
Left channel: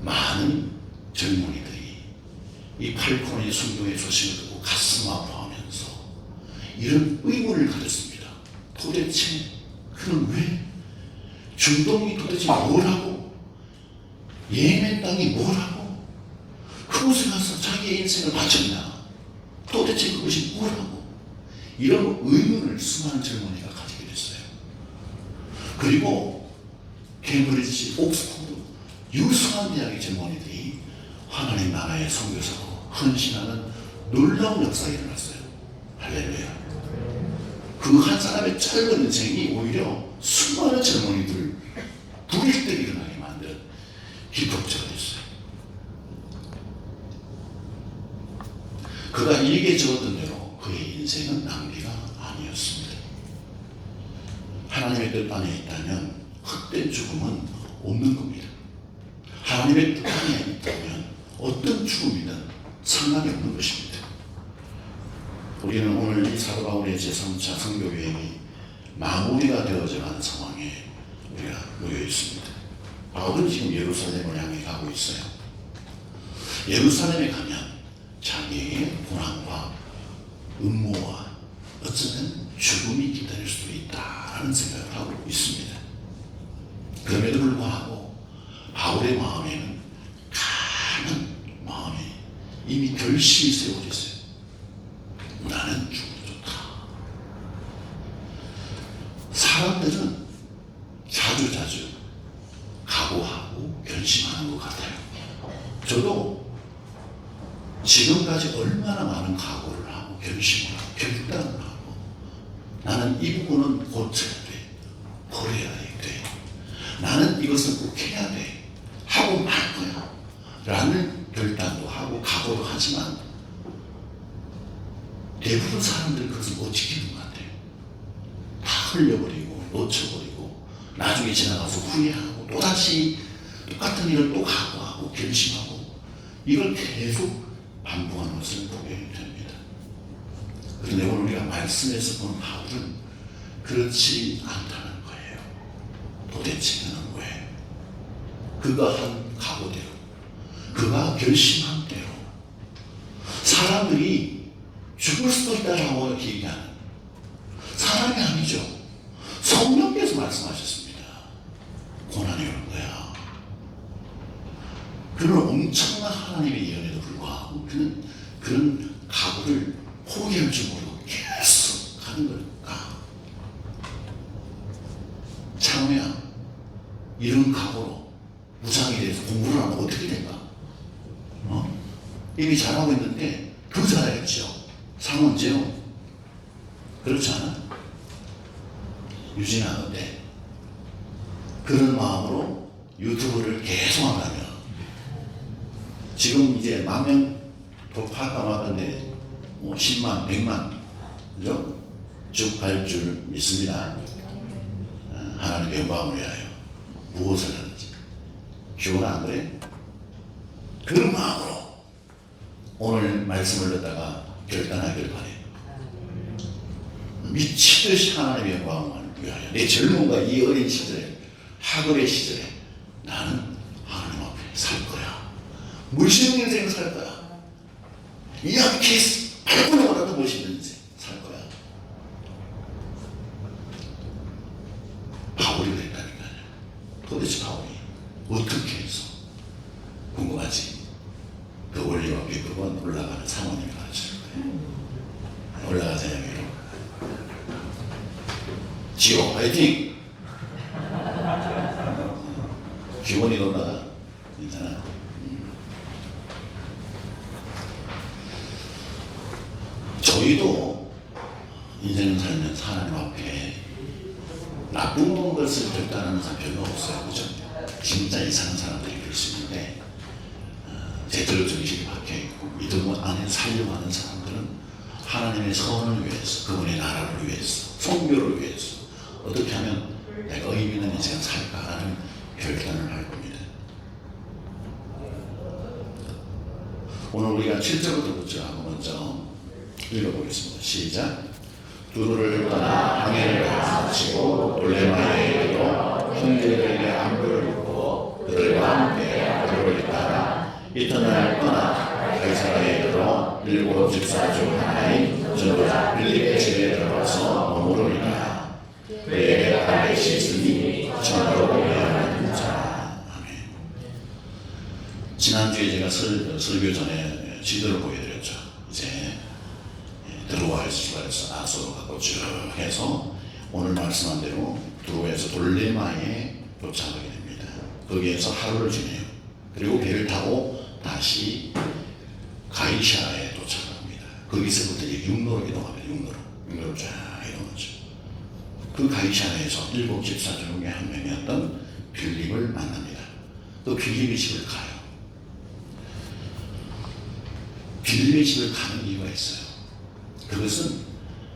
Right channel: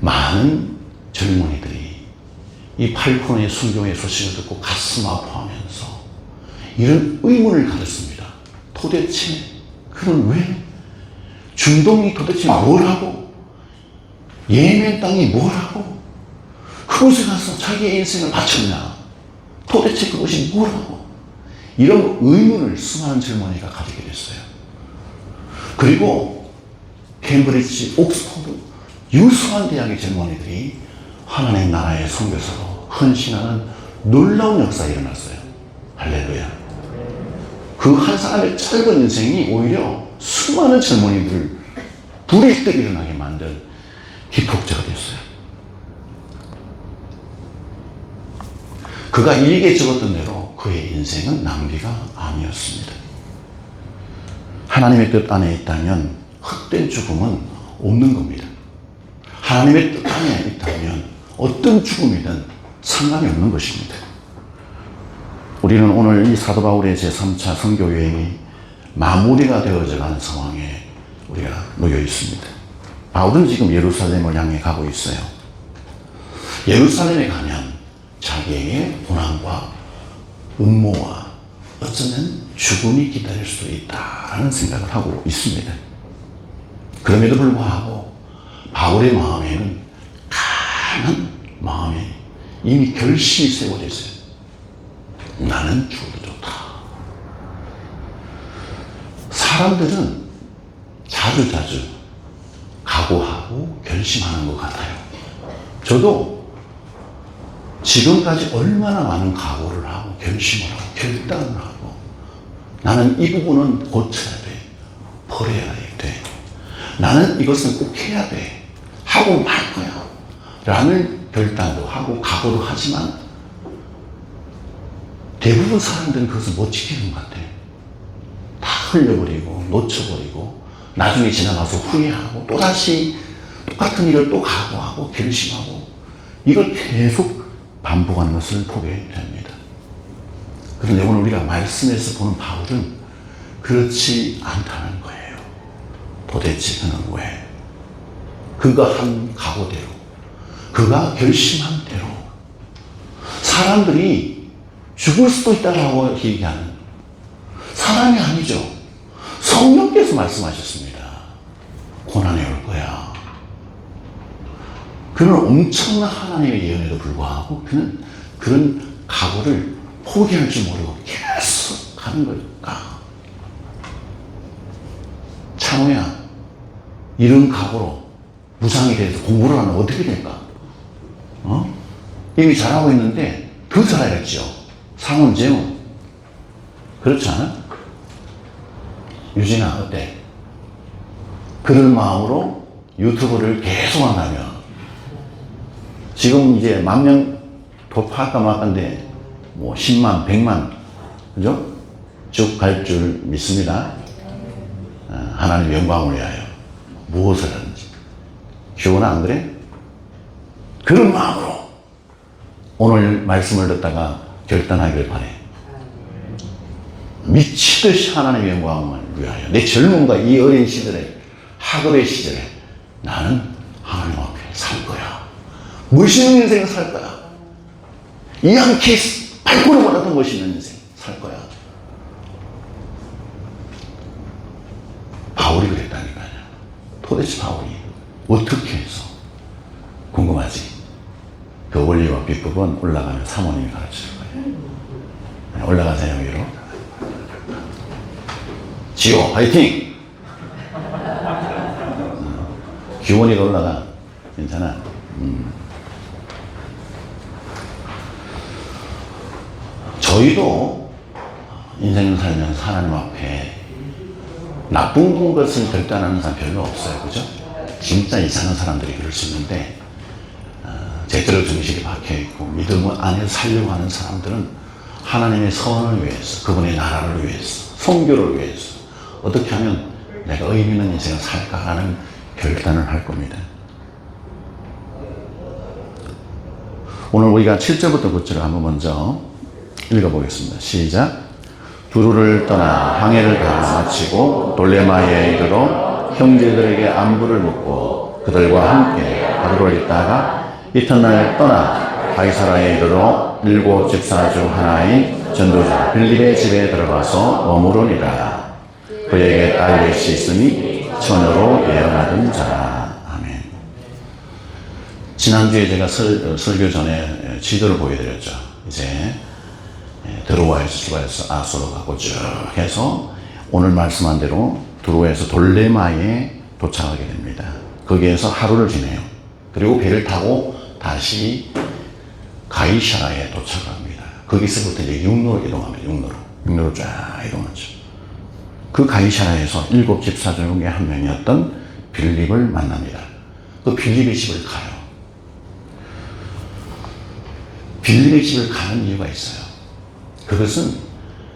많은 젊은이들이 이 팔콘의 순교의 소식을 듣고 가슴 아파하면서 이런 의문을 가졌습니다. 도대체 그는 왜? 중동이 도대체 뭘 하고? 예멘 땅이 뭘 하고? 그곳에 가서 자기의 인생을 바쳤냐? 도대체 그것이 뭐라고? 이런 의문을 수많은 젊은이가 가지게 됐어요. 그리고 캠브리지, 옥스퍼드, 유수한 대학의 젊은이들이 하나님 나라의 선교사로 헌신하는 놀라운 역사가 일어났어요. 할렐루야. 그 한 사람의 짧은 인생이 오히려 수많은 젊은이들 불일 듯 일어나게 만든 기폭제가 됐어요. 그가 일기에 적었던 대로 그의 인생은 낭비가 아니었습니다. 하나님의 뜻 안에 있다면 헛된 죽음은 없는 겁니다. 하나님의 뜻 안에 있다면 어떤 죽음이든 상관이 없는 것입니다. 우리는 오늘 이 사도 바울의 제3차 선교 여행이 마무리가 되어져 가는 상황에 우리가 놓여 있습니다. 바울은 지금 예루살렘을 향해 가고 있어요. 예루살렘에 가면 자기에게 고난과 음모와 어쩌면 죽음이 기다릴 수도 있다는 생각을 하고 있습니다. 그럼에도 불구하고 바울의 마음에는 강한 마음에 이미 결심이 세워져 있어요. 나는 죽어도 좋다. 사람들은 자주자주 각오하고 결심하는 것 같아요. 저도 지금까지 얼마나 많은 각오를 하고 결심을 하고 결단을 하고 나는 이 부분은 고쳐야 돼. 버려야 돼. 나는 이것은 꼭 해야 돼. 하고 말 거야. 라는 결단도 하고 각오도 하지만 대부분 사람들은 그것을 못 지키는 것 같아요. 다 흘려버리고 놓쳐버리고 나중에 지나가서 후회하고 또다시 똑같은 일을 또 각오하고 결심하고 이걸 계속 반복하는 것을 보게 됩니다. 그런데 오늘 우리가 말씀에서 보는 바울은 그렇지 않다는 거예요. 도대체 그는 왜? 그가 한 각오대로, 그가 결심한 대로 사람들이 죽을 수도 있다라고 얘기하는 사람이 아니죠. 성령께서 말씀하셨습니다. 고난이 올 거야. 그는 엄청난 하나님의 예언에도 불구하고 그는 그런 각오를 포기할 줄 모르고 계속 가는 걸까? 찬호야, 이런 각오로 무상에 대해서 공부를 하면 어떻게 될까? 이미 잘하고 있는데 더 잘해야죠. 상은 제무. 그렇지 않아? 유진아, 어때? 그런 마음으로 유튜브를 계속 한다면 지금 이제 10,000명 돌파할까 말까인데 뭐 10만, 100만, 그죠? 쭉 갈 줄 믿습니다. 하나님의 영광을 위하여 무엇을 하든지. 주원아, 안 그래? 그런 마음으로 오늘 말씀을 듣다가 결단하기를 바래. 미치듯이 하나님의 영광을 위하여 내 젊음과 이 어린 시절에 학업의 시절에 나는 하나님 앞에 살 거야. 멋있는 인생을 살 거야. 이양키 발걸음 받았던 멋있는 인생 살 거야. 바울이 그랬다니까요. 도대체 바울이 어떻게 해서? 궁금하지? 그 원리와 비법은 올라가면 사모님이 가르칠 거예요. 올라가세요, 위로. 지호 화이팅! 기원이가 올라가. 괜찮아. 저희도 인생을 살면서 하나님 앞에 나쁜 것을 결단하는 사람 별로 없어요. 그죠? 진짜 이상한 사람들이 그럴 수 있는데, 제대로 정신이 박혀있고 믿음을 안에 살려고 하는 사람들은 하나님의 선을 위해서, 그분의 나라를 위해서, 선교를 위해서 어떻게 하면 내가 의미 있는 인생을 살까라는 결단을 할 겁니다. 오늘 우리가 7절부터 9절을 한번 먼저 읽어보겠습니다. 시작. 두루를 떠나 항해를 마치고 돌레마에 이르러 형제들에게 안부를 묻고 그들과 함께 하루를 있다가 이튿날 떠나 가이사라에 이르러 7 집사 중 하나인 전도자 빌립의 집에 들어가서 머무르니라. 그에게 딸 넷이 있으니 처녀로 예언하던 자라. 아멘. 지난주에 제가 설교 전에 지도를 보여드렸죠. 이제 드로아에서 아소로가고 쭉 해서 오늘 말씀한 대로 드로아에서 돌레마에 도착하게 됩니다. 거기에서 하루를 지내요. 그리고 배를 타고 다시 가이사라에 도착합니다. 거기서부터 이제 육로로 이동합니다. 육로로 쫙 이동하죠. 그 가이사라에서 7 집사 중에 한 명이었던 빌립을 만납니다. 그 빌립의 집을 가요. 빌립의 집을 가는 이유가 있어요. 그것은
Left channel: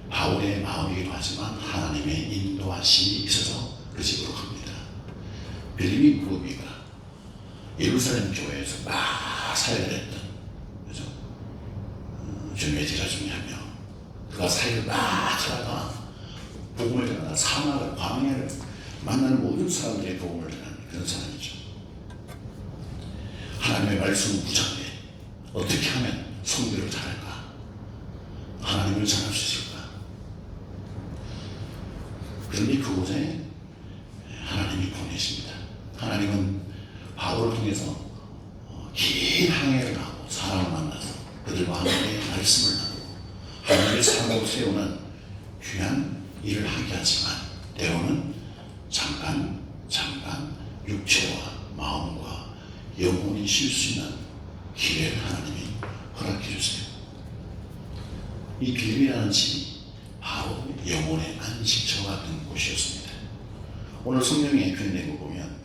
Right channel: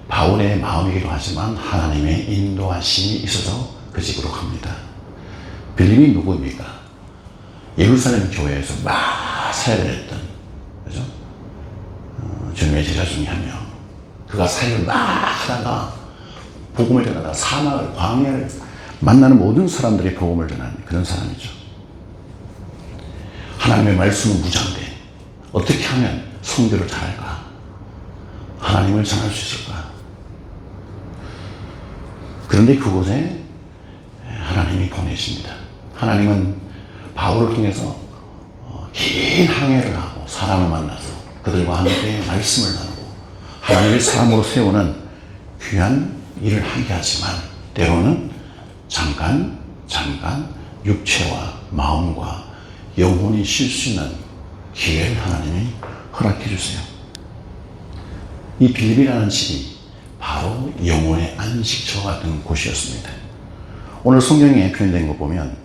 바울의 마음이기도 하지만 하나님의 인도하심이 있어서 그 집으로 갑니다. 빌립이 누구입니까? 예루살렘 교회에서 막 사역을 했던, 그죠? 주님의 제자 중에 한 명. 그가 사역을 막 하다가 복음을 전하다가 사막을, 광야를 만나는 모든 사람들이 복음을 전하는 그런 사람이죠. 하나님의 말씀은 무장돼. 어떻게 하면 선교를 잘할까? 하나님을 전할 수 있을까? 그런데 그곳에 하나님이 보내십니다. 하나님은 바울을 통해서 긴 항해를 하고 사람을 만나서 그들과 함께 말씀을 나누고 하나님의 사람으로 세우는 귀한 일을 하게 하지만 때로는 잠깐 육체와 마음과 영혼이 쉴 수 있는 기회를 하나님이 허락해 주세요. 이 빌립이라는 집이 바로 영혼의 안식처 같은 곳이었습니다. 오늘 성경에 표현된 거 보면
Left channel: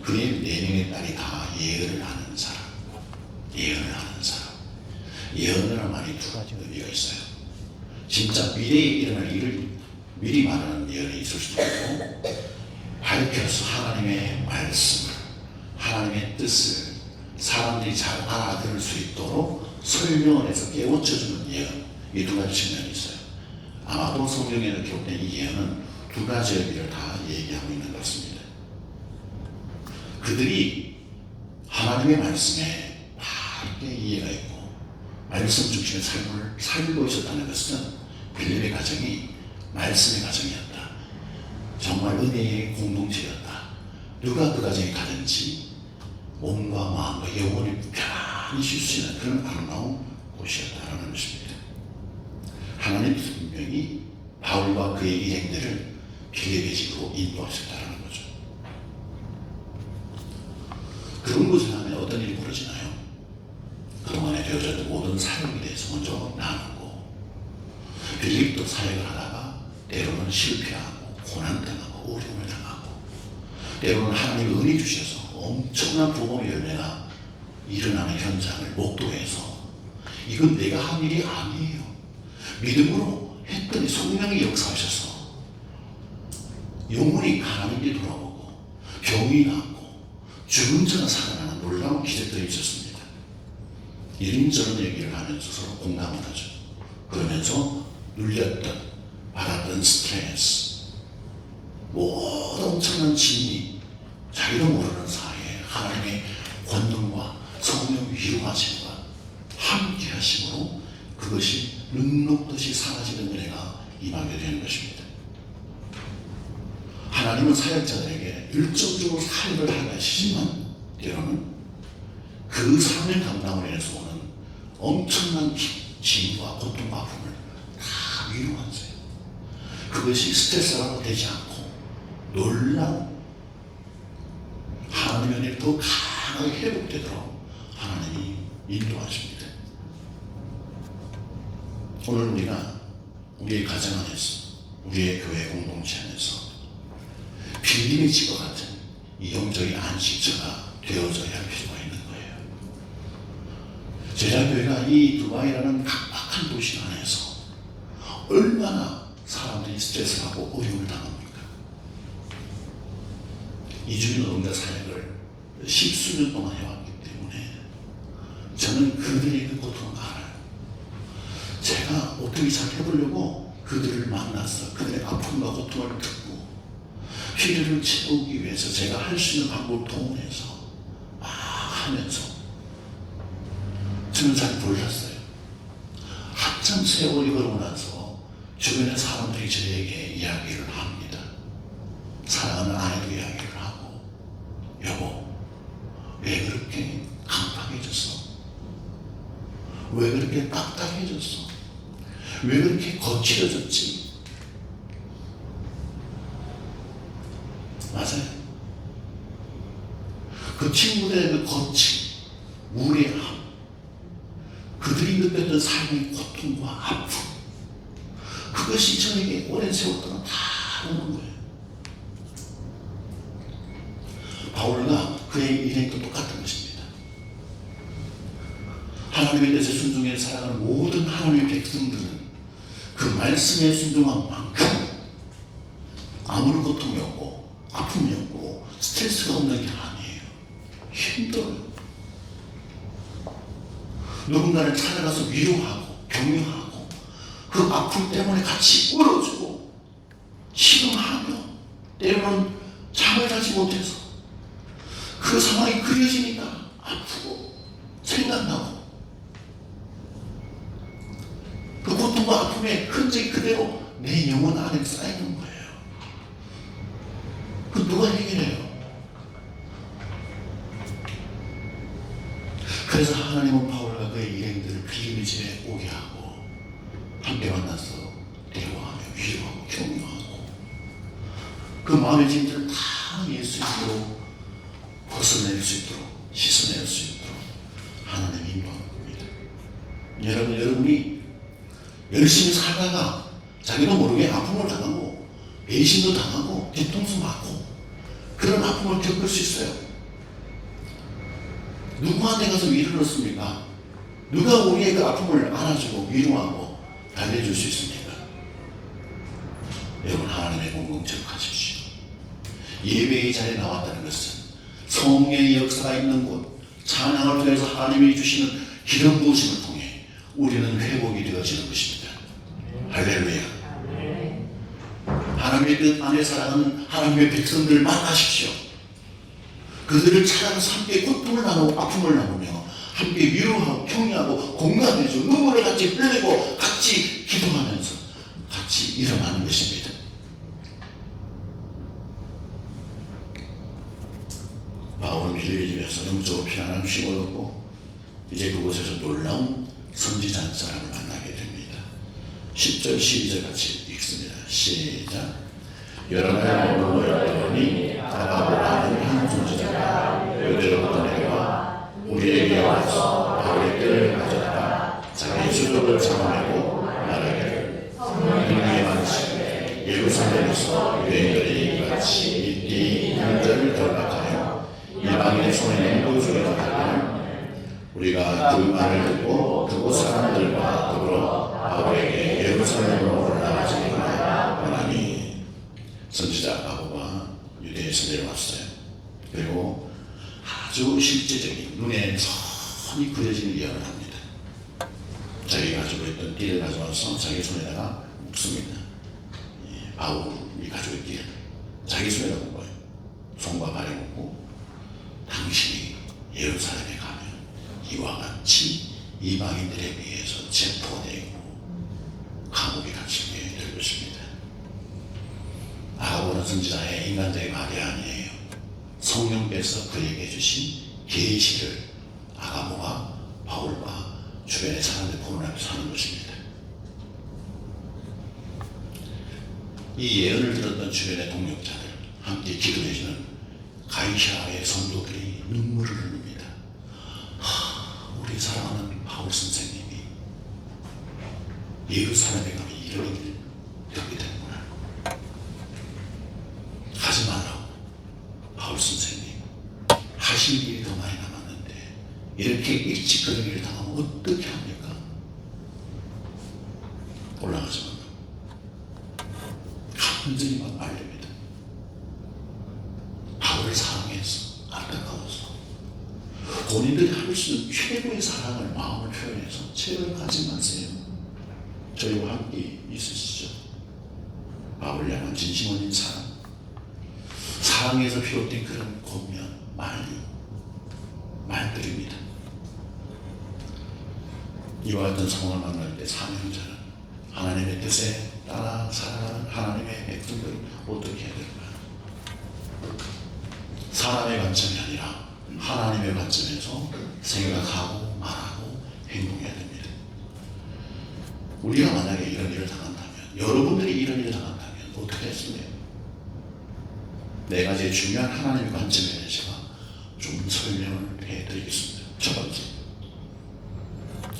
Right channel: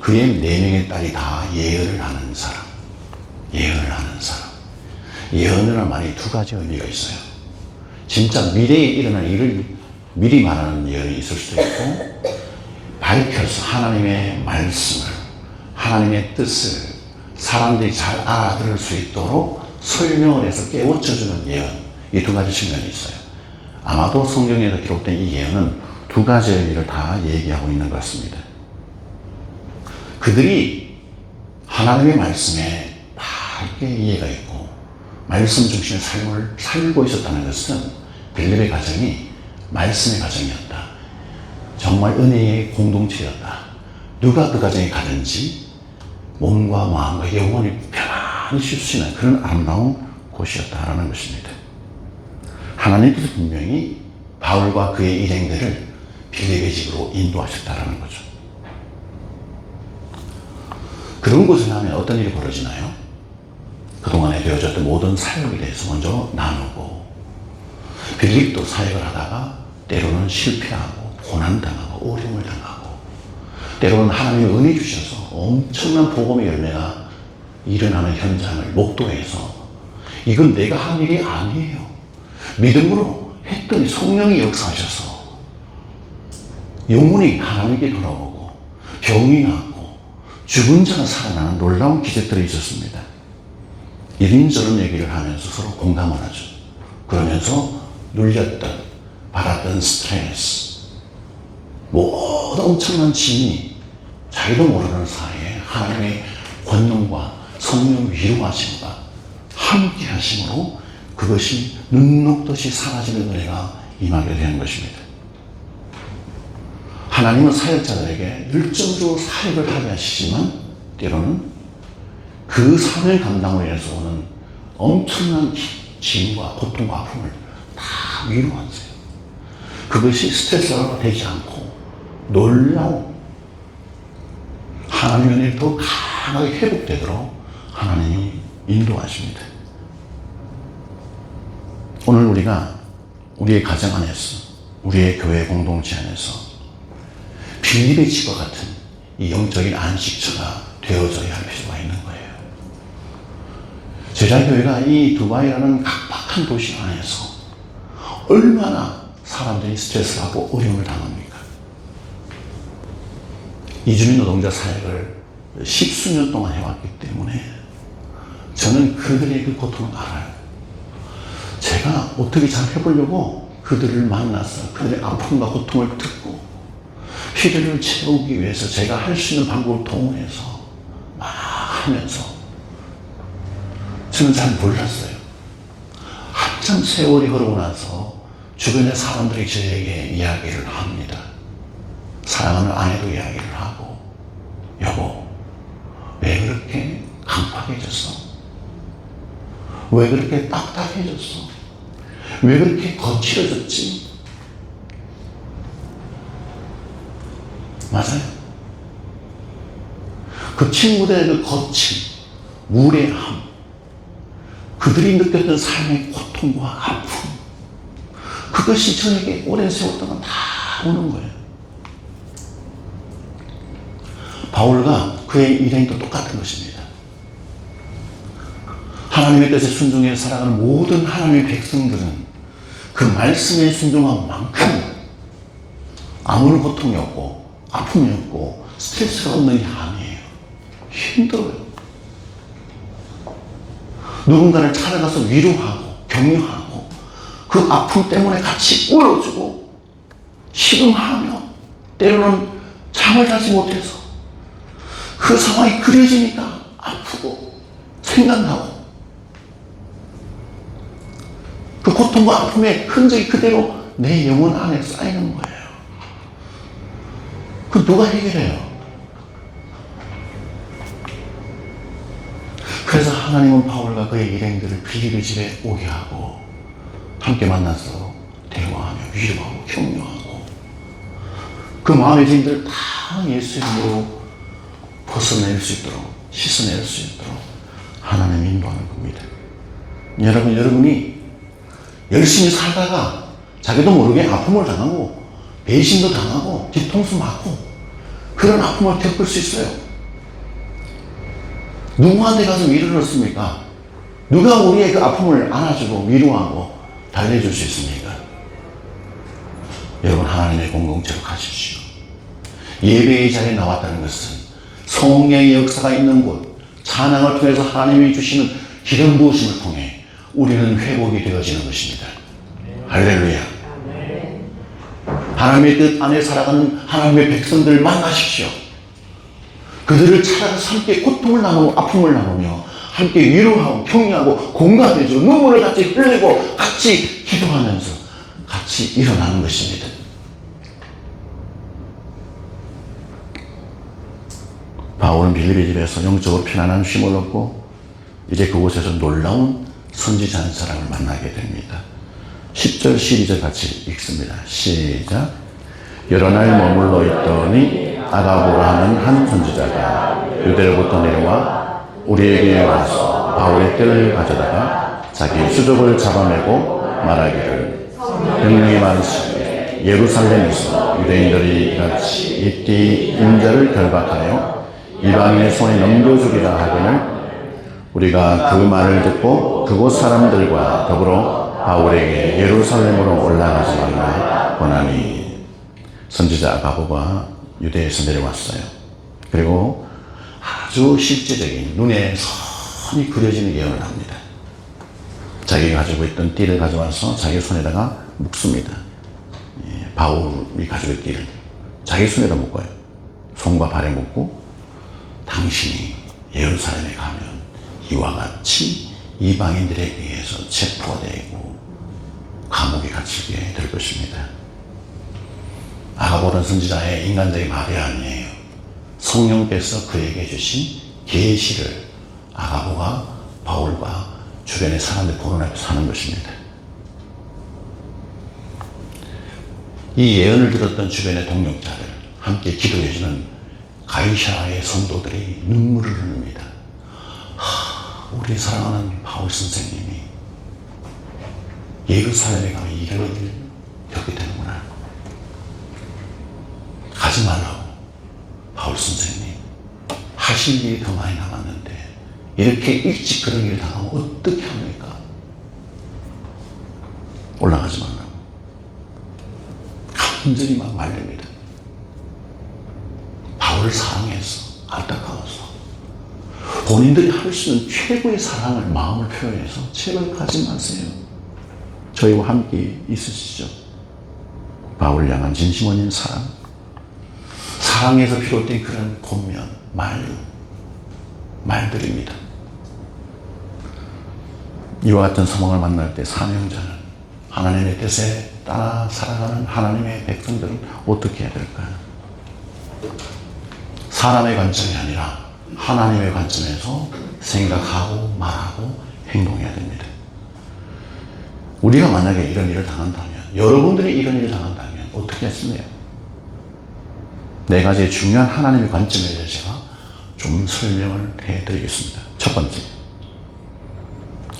그의 4명의 딸이 다 예언을 하는 사람. 예언을 하는 사람. 예언이라는 말이 2가지 의미가 있어요. 진짜 미래에 일어날 일을 미리 말하는 예언이 있을 수도 있고, 밝혀서 하나님의 말씀을, 하나님의 뜻을 사람들이 잘 알아들을 수 있도록 설명을 해서 깨우쳐주는 예언. 이 2가지 측면이 있어요. 아마도 성경에서 기록된 이 예언은 2가지 의미를 다 얘기하고 있는 것 같습니다. 그들이 하나님의 말씀에 밝게 이해가 있고 말씀 중심의 삶을 살고 있었다는 것은 빌립의 가정이 말씀의 가정이었다. 정말 은혜의 공동체였다. 누가 그 가정에 가든지 몸과 마음과 영혼이 편안히 쉴 수 있는 그런 아름다운 곳이었다라는 것입니다. 하나님께서 분명히 바울과 그의 일행들을 빌립의 집으로 인도하셨다라는 거죠. 그런 곳을 하면 어떤 일이 벌어지나요? 그동안에 되어졌던 모든 사역에 대해서 먼저 나누고, 빌립도 사역을 하다가 때로는 실패하고 고난당하고 어려움을 당하고, 때로는 하나님의 은혜 주셔서 엄청난 복음의 열매가 일어나는 현장을 목도해서 이건 내가 한 일이 아니에요. 믿음으로 했더니 성령이 역사하셔서 영혼이 하나님께 돌아오고 병이 낫고 죽은 자가 살아나는 놀라운 기적들이 있었습니다. 이런저런 얘기를 하면서 서로 공감을 하죠. 그러면서 눌렸던, 받았던 스트레스, 모든 엄청난 짐이 자기도 모르는 사이에 하나님의 권능과 성령의 위로하심과 함께 하심으로 그것이 눈 녹듯이 사라지는 은혜가 임하게 되는 것입니다. 하나님은 사역자들에게 열정적으로 사역을 하게 하시지만 때로는 그 사명 감당을 위해서 오는 엄청난 짐과 고통과 아픔을 다 위로하세요. 그것이 스트레스가 되지 않고 놀라운 하나님의 은혜가 더 강하게 회복되도록 하나님이 인도하십니다. 오늘 우리가 우리의 가정 안에서, 우리의 교회 공동체 안에서 빌립의 집과 같은 이 영적인 안식처가 되어져야 할 필요가 있는 거예요. 제자교회가 이 두바이라는 각박한 도시 안에서 얼마나 사람들이 스트레스를 하고 어려움을 당합니까? 이주민 노동자 사역을 십수년 동안 해왔기 때문에 저는 그들의 그 고통을 알아요. 제가 어떻게 잘 해보려고 그들을 만나서 그들의 아픔과 고통을 듣고 필요를 채우기 위해서 제가 할 수 있는 방법을 동원해서 막 하면서 저는 잘 몰랐어요. 한참 세월이 흐르고 나서 주변의 사람들이 저에게 이야기를 합니다. 사랑하는 아내도 이야기를 하고, 여보, 왜 그렇게 강팍해졌어? 왜 그렇게 딱딱해졌어? 왜 그렇게 거칠어졌지? 맞아요. 그 친구들의 그 거침, 무례함, 그들이 느꼈던 삶의 고통과 아픔, 그것이 저에게 오랜 세월 동안 다 오는 거예요. 바울과 그의 일행도 똑같은 것입니다. 하나님의 뜻에 순종해 살아가는 모든 하나님의 백성들은 그 말씀에 순종한 만큼 아무런 고통이 없고 아픔이 없고 스트레스가 없는 게 아니에요. 힘들어요. 누군가를 찾아가서 위로하고 격려하고 그 아픔 때문에 같이 울어주고 시름하며 때로는 잠을 자지 못해서 그 상황이 그려지니까 아프고 생각나고 그 고통과 아픔의 흔적이 그대로 내 영혼 안에 쌓이는 거예요. 그 누가 해결해요? 그래서 하나님은 바울과 그의 일행들을 빌립의 집에 오게 하고 함께 만나서 대화하며 위로하고 격려하고 그 마음의 짐들을 다 예수의 이름으로 벗어낼 수 있도록 씻어낼 수 있도록 하나님이 인도하는 겁니다. 여러분이 열심히 살다가 자기도 모르게 아픔을 당하고 배신도 당하고 뒤통수 맞고 그런 아픔을 겪을 수 있어요. 누구한테 가서 위로를 얻습니까? 누가 우리의 그 아픔을 안아주고 위로하고 달래줄 수 있습니까? 여러분, 하나님의 공동체로 가십시오. 예배의 자리에 나왔다는 것은 성령의 역사가 있는 곳, 찬양을 통해서 하나님이 주시는 기름 부으심을 통해 우리는 회복이 되어지는 것입니다. 할렐루야. 하나님의 뜻 안에 살아가는 하나님의 백성들을 만나십시오. 그들을 찾아가서 함께 고통을 나누고 아픔을 나누며 함께 위로하고 격려하고 공감해주고 눈물을 같이 흘리고 같이 기도하면서 같이 일어나는 것입니다. 바울은 빌립의 집에서 영적으로 편안한 쉼을 얻고 이제 그곳에서 놀라운 선지자 한 사람을 만나게 됩니다. 10절 12절 같이 읽습니다. 시작. 여러 날 머물러 있더니 아가보라 하는 한 선지자가 유대로부터 내려와 우리에게 와서 바울의 떼를 가져다가 자기 수족을 잡아내고 말하기를 병력이 많으시되 예루살렘에서 유대인들이 같이 이띠 인자를 결박하여 이방인의 손에 넘겨주리라 하거늘 우리가 그 말을 듣고 그곳 사람들과 더불어 바울에게 예루살렘으로 올라가지 말라 권하니. 선지자 아가보가 유대에서 내려왔어요. 그리고 아주 실제적인 눈에 선이 그려지는 예언을 합니다. 자기가 가지고 있던 띠를 가져와서 자기 손에다가 묶습니다. 바울이 가지고 있던 띠를 자기 손에다 묶어요. 손과 발에 묶고 당신이 예루살렘에 가면 이와 같이 이방인들에 의해서 체포되고 감옥에 갇히게 될 것입니다. 아가보는 선지자의 인간적인 말이 아니에요. 성령께서 그에게 주신 계시를 아가보가 바울과 주변의 사람들 보는 앞에서 하는 것입니다. 이 예언을 들었던 주변의 동역자들, 함께 기도해주는 가이샤의 성도들이 눈물을 흘립니다. 우리 사랑하는 바울 선생님이 예루살렘에 가면 이런 일을 겪게 되는구나. 가지 말라고. 바울 선생님, 하신 일이 더 많이 남았는데 이렇게 일찍 그런 일을 당하면 어떻게 합니까? 올라가지 말라고. 간절히 막 말립니다. 바울을 사랑해서, 안타까워서 본인들이 할 수 있는 최고의 사랑을, 마음을 표현해서 제발 가지 마세요. 저희와 함께 있으시죠. 바울을 향한 진심 어린 사랑, 사랑에서 비롯된 그런 권면, 말들입니다. 이와 같은 소망을 만날 때 사명자는, 하나님의 뜻에 따라 살아가는 하나님의 백성들은 어떻게 해야 될까요? 사람의 관점이 아니라 하나님의 관점에서 생각하고 말하고 행동해야 됩니다. 우리가 만약에 이런 일을 당한다면, 여러분들이 이런 일을 당한다면 어떻게 했습니까? 네 가지 중요한 하나님의 관점에 대해서 제가 좀 설명을 해드리겠습니다. 첫 번째,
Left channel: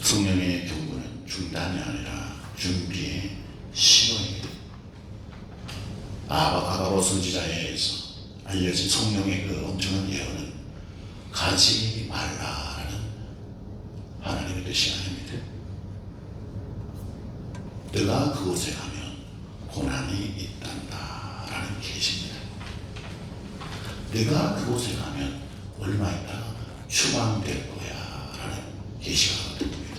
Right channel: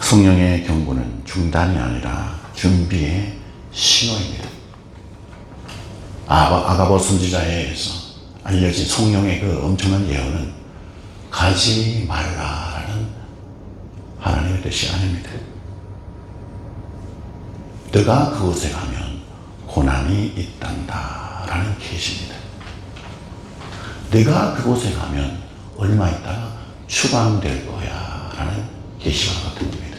성령의 경고는 중단이 아니라 준비의 신호입니다. 아가보 선지자에 의해서 알려진 성령의 그 엄청난 예언은 가지 말라라는 하나님의 뜻이 아닙니다. 너가 그곳에 가면 고난이 있단다라는 계시입니다. 네가 그곳에 가면 얼마 있다가 추방될 거야 라는 계시가 같은 겁니다.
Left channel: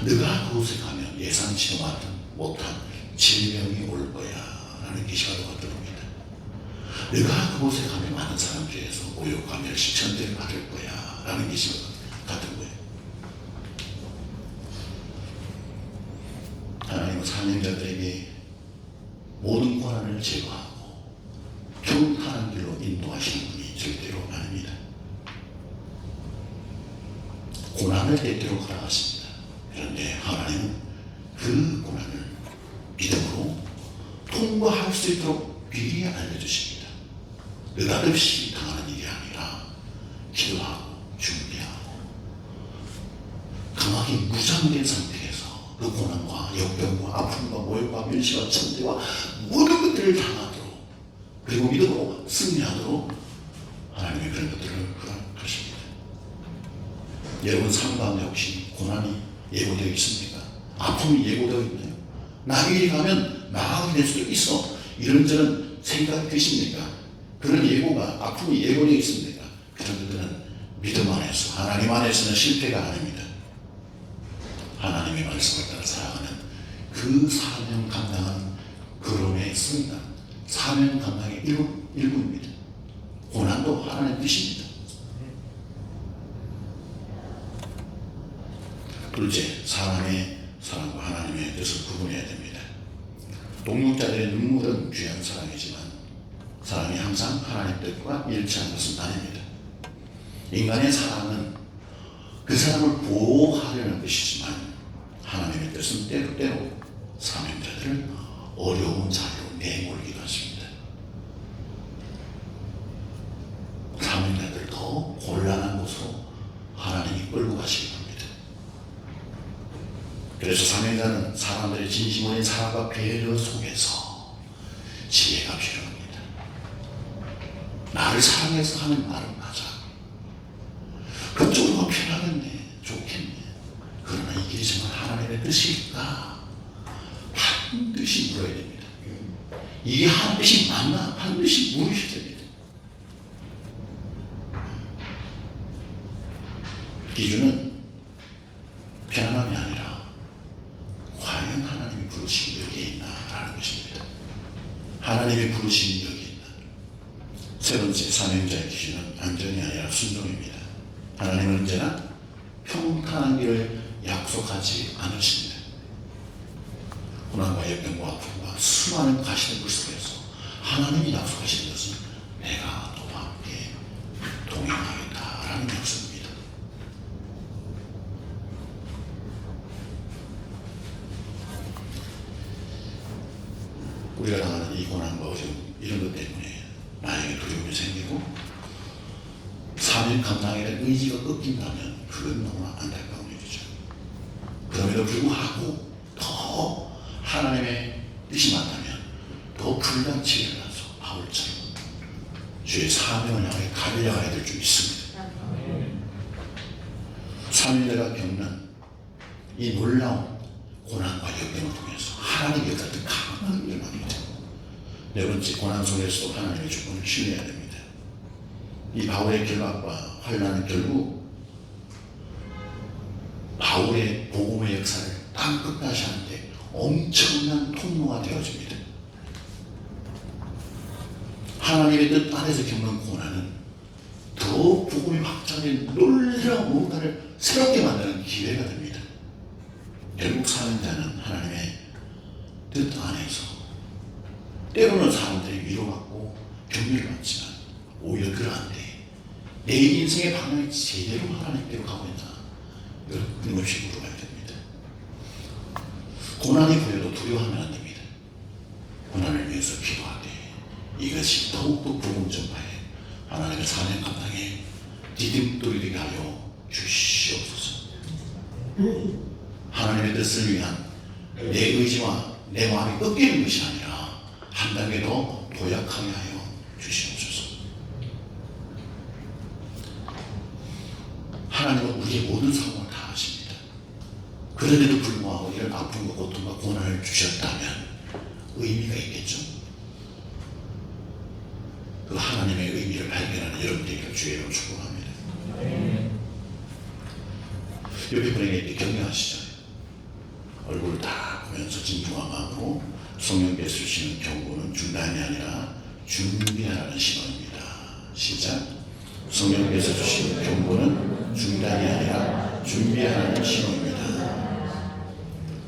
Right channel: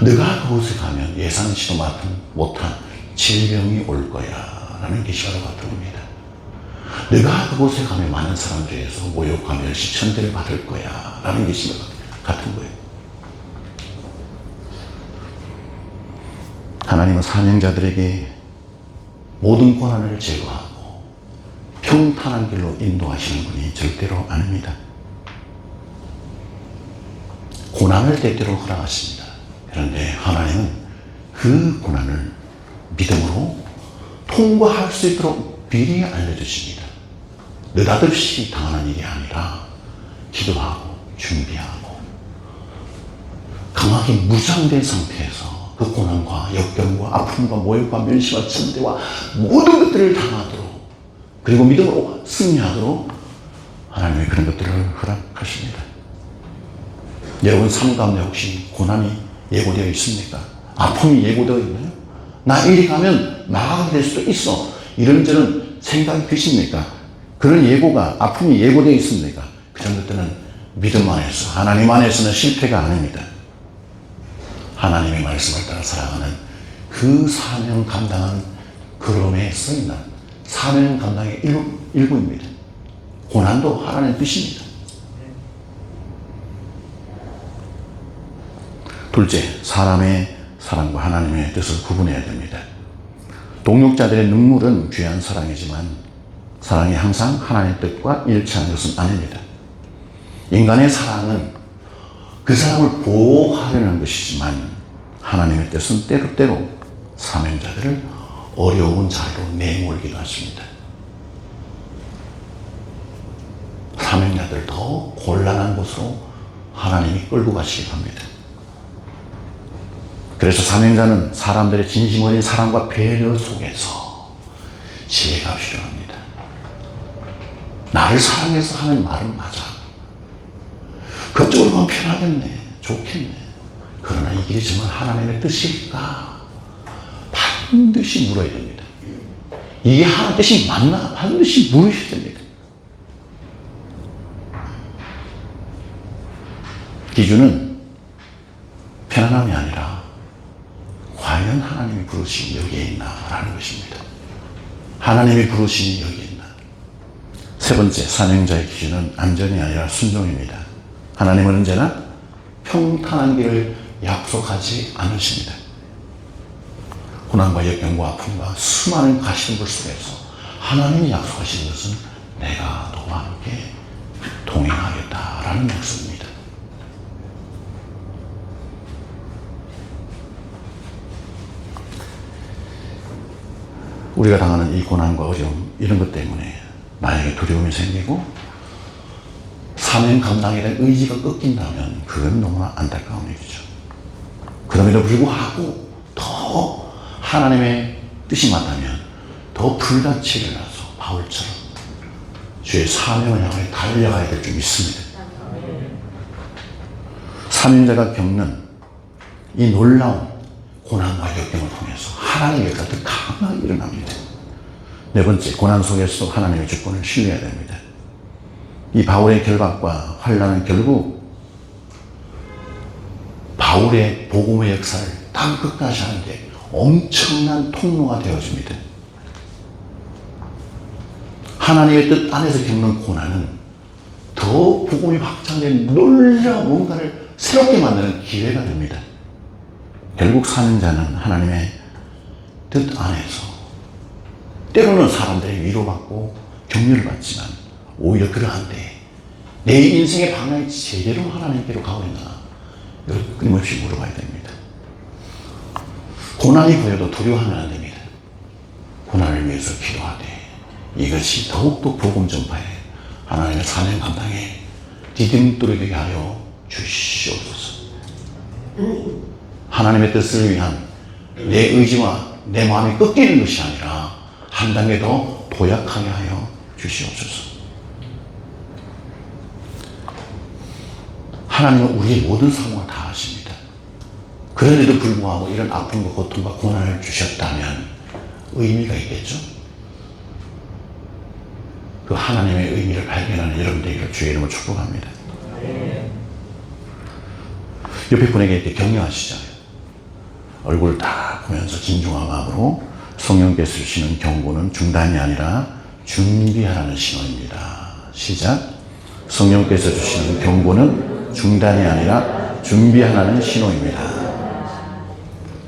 네가 그곳에 가면 예상치도 못한 질병이 올 거야 라는 계시가 같은 겁니다. 네가 그곳에 가면 많은 사람들에서 모욕과 멸시, 천대를 받을 거야 라는 계시가 같은 거예요. 하나님은 사명자들에게 모든 고난을 제거하고 평탄한 길로 인도하시는 분이 절대로 아닙니다. 고난을 때때로 허락하십니다. 그런데 하나님은 그 고난을 믿음으로 통과할 수 있도록 미리 알려주십니다. 느닷없이 당하는 일이 아니라 기도하고 준비하고 강하게 무장된 상태에서 그 고난과 역경과 아픔과 모욕과 멸시와 천대와 모든 것들을 당하도록, 그리고 믿음으로 승리하도록 하나님의 그런 것들을 허락하십니다. 여러분 삶 가운데 혹시 고난이 예고되어 있습니까? 아픔이 예고되어 있나요? 나 이리 가면 나가게 될 수도 있어, 이런저런 생각이 드십니까? 그런 예고가, 아픔이 예고되어 있습니까? 그런 것들은 믿음 안에서, 하나님 안에서는 실패가 아닙니다. 하나님의 말씀을 따라 살아가는 그 사명 감당하는 걸음에 써있는 사명 감당의 일부입니다. 고난도 하나님의 뜻입니다. 둘째, 사람의 사랑과 하나님의 뜻을 구분해야 됩니다. 동역자들의 눈물은 귀한 사랑이지만 사랑이 항상 하나님의 뜻과 일치하는 것은 아닙니다. 인간의 사랑은 그 사람을 보호하려는 것이지만 하나님의 뜻은 때때로 사명자들을 어려운 자리로 내몰기도 하십니다. 사명자들을 더 곤란한 곳으로 하나님이 끌고 가시기도 합니다. 그래서 사명자는 사람들의 진심 어린 사랑과 배려 속에서 지혜가 필요합니다. 나를 사랑해서 하는 말은 맞아. 그쪽으로 가면 편하겠네, 좋겠네. 그러나 이게 정말 하나님의 뜻일까? 반드시 물어야 됩니다. 이게 하나님의 뜻이 맞나? 반드시 물으셔야 됩니다. 기준은 편안함이 아니라 과연 하나님의 부르심이 여기에 있나라는 것입니다. 하나님의 부르심이 여기에 있나? 세 번째, 사명자의 기준은 안전이 아니라 순종입니다. 하나님은 언제나 평탄한 길을 약속하지 않으십니다. 고난과 역경과 아픔과 수많은 가시덤불 속에서 하나님이 약속하신 것은 내가 너와 함께 동행하겠다라는 약속입니다. 우리가 당하는 이 고난과 어려움 이런 것 때문에 나에게 두려움이 생기고 사명 감당에 대한 의지가 꺾인다면 그건 너무나 안타까운 일이죠. 그럼에도 불구하고 더 하나님의 뜻이 맞다면 더 불단치를 해서 바울처럼 주의 사명을 향해 달려가야 될 줄 믿습니다. 사명자가 겪는 이 놀라운 고난과 역경을 통해서 하나님의 역사가 더 강하게 일어납니다. 네 번째, 고난 속에서 하나님의 주권을 신뢰해야 됩니다. 이 바울의 결박과 환난은 결국 바울의 복음의 역사를 땅 끝까지 하는데 엄청난 통로가 되어집니다. 하나님의 뜻 안에서 겪는 고난은 더 복음이 확장된 놀라운 뭔가를 새롭게 만드는 기회가 됩니다. 결국 사명자는 하나님의 뜻 안에서 때로는 사람들의 위로받고 격려를 받지만 오히려 그러한데 내 인생의 방향이 제대로 하나님께로 가고 있나 여러분 끊임없이 물어봐야 됩니다. 고난이 보여도 두려워하면 안 됩니다. 고난을 위해서 기도하되 이것이 더욱더 복음 전파에 하나님의 사명 감당에 디딤돌이 하여 주시옵소서. 하나님의 뜻을 위한 내 의지와 내 마음이 꺾이는 것이 아니라 한 단계 더 도약하게 하여 주시옵소서. 하나님은 우리의 모든 상황을 다 아십니다. 그런데도 불구하고 이런 아픔과 고통과 고난을 주셨다면 의미가 있겠죠? 그 하나님의 의미를 발견하는 여러분들에게 주의 이름으로 축복합니다. 옆에 분에게 격려하시잖아요. 얼굴 딱 보면서 진중한 마음으로 성령께서 주시는 경고는 중단이 아니라 준비하라는 신호입니다. 시작. 성령께서 주시는 경고는 중단이 아니라 준비하라는 신호입니다.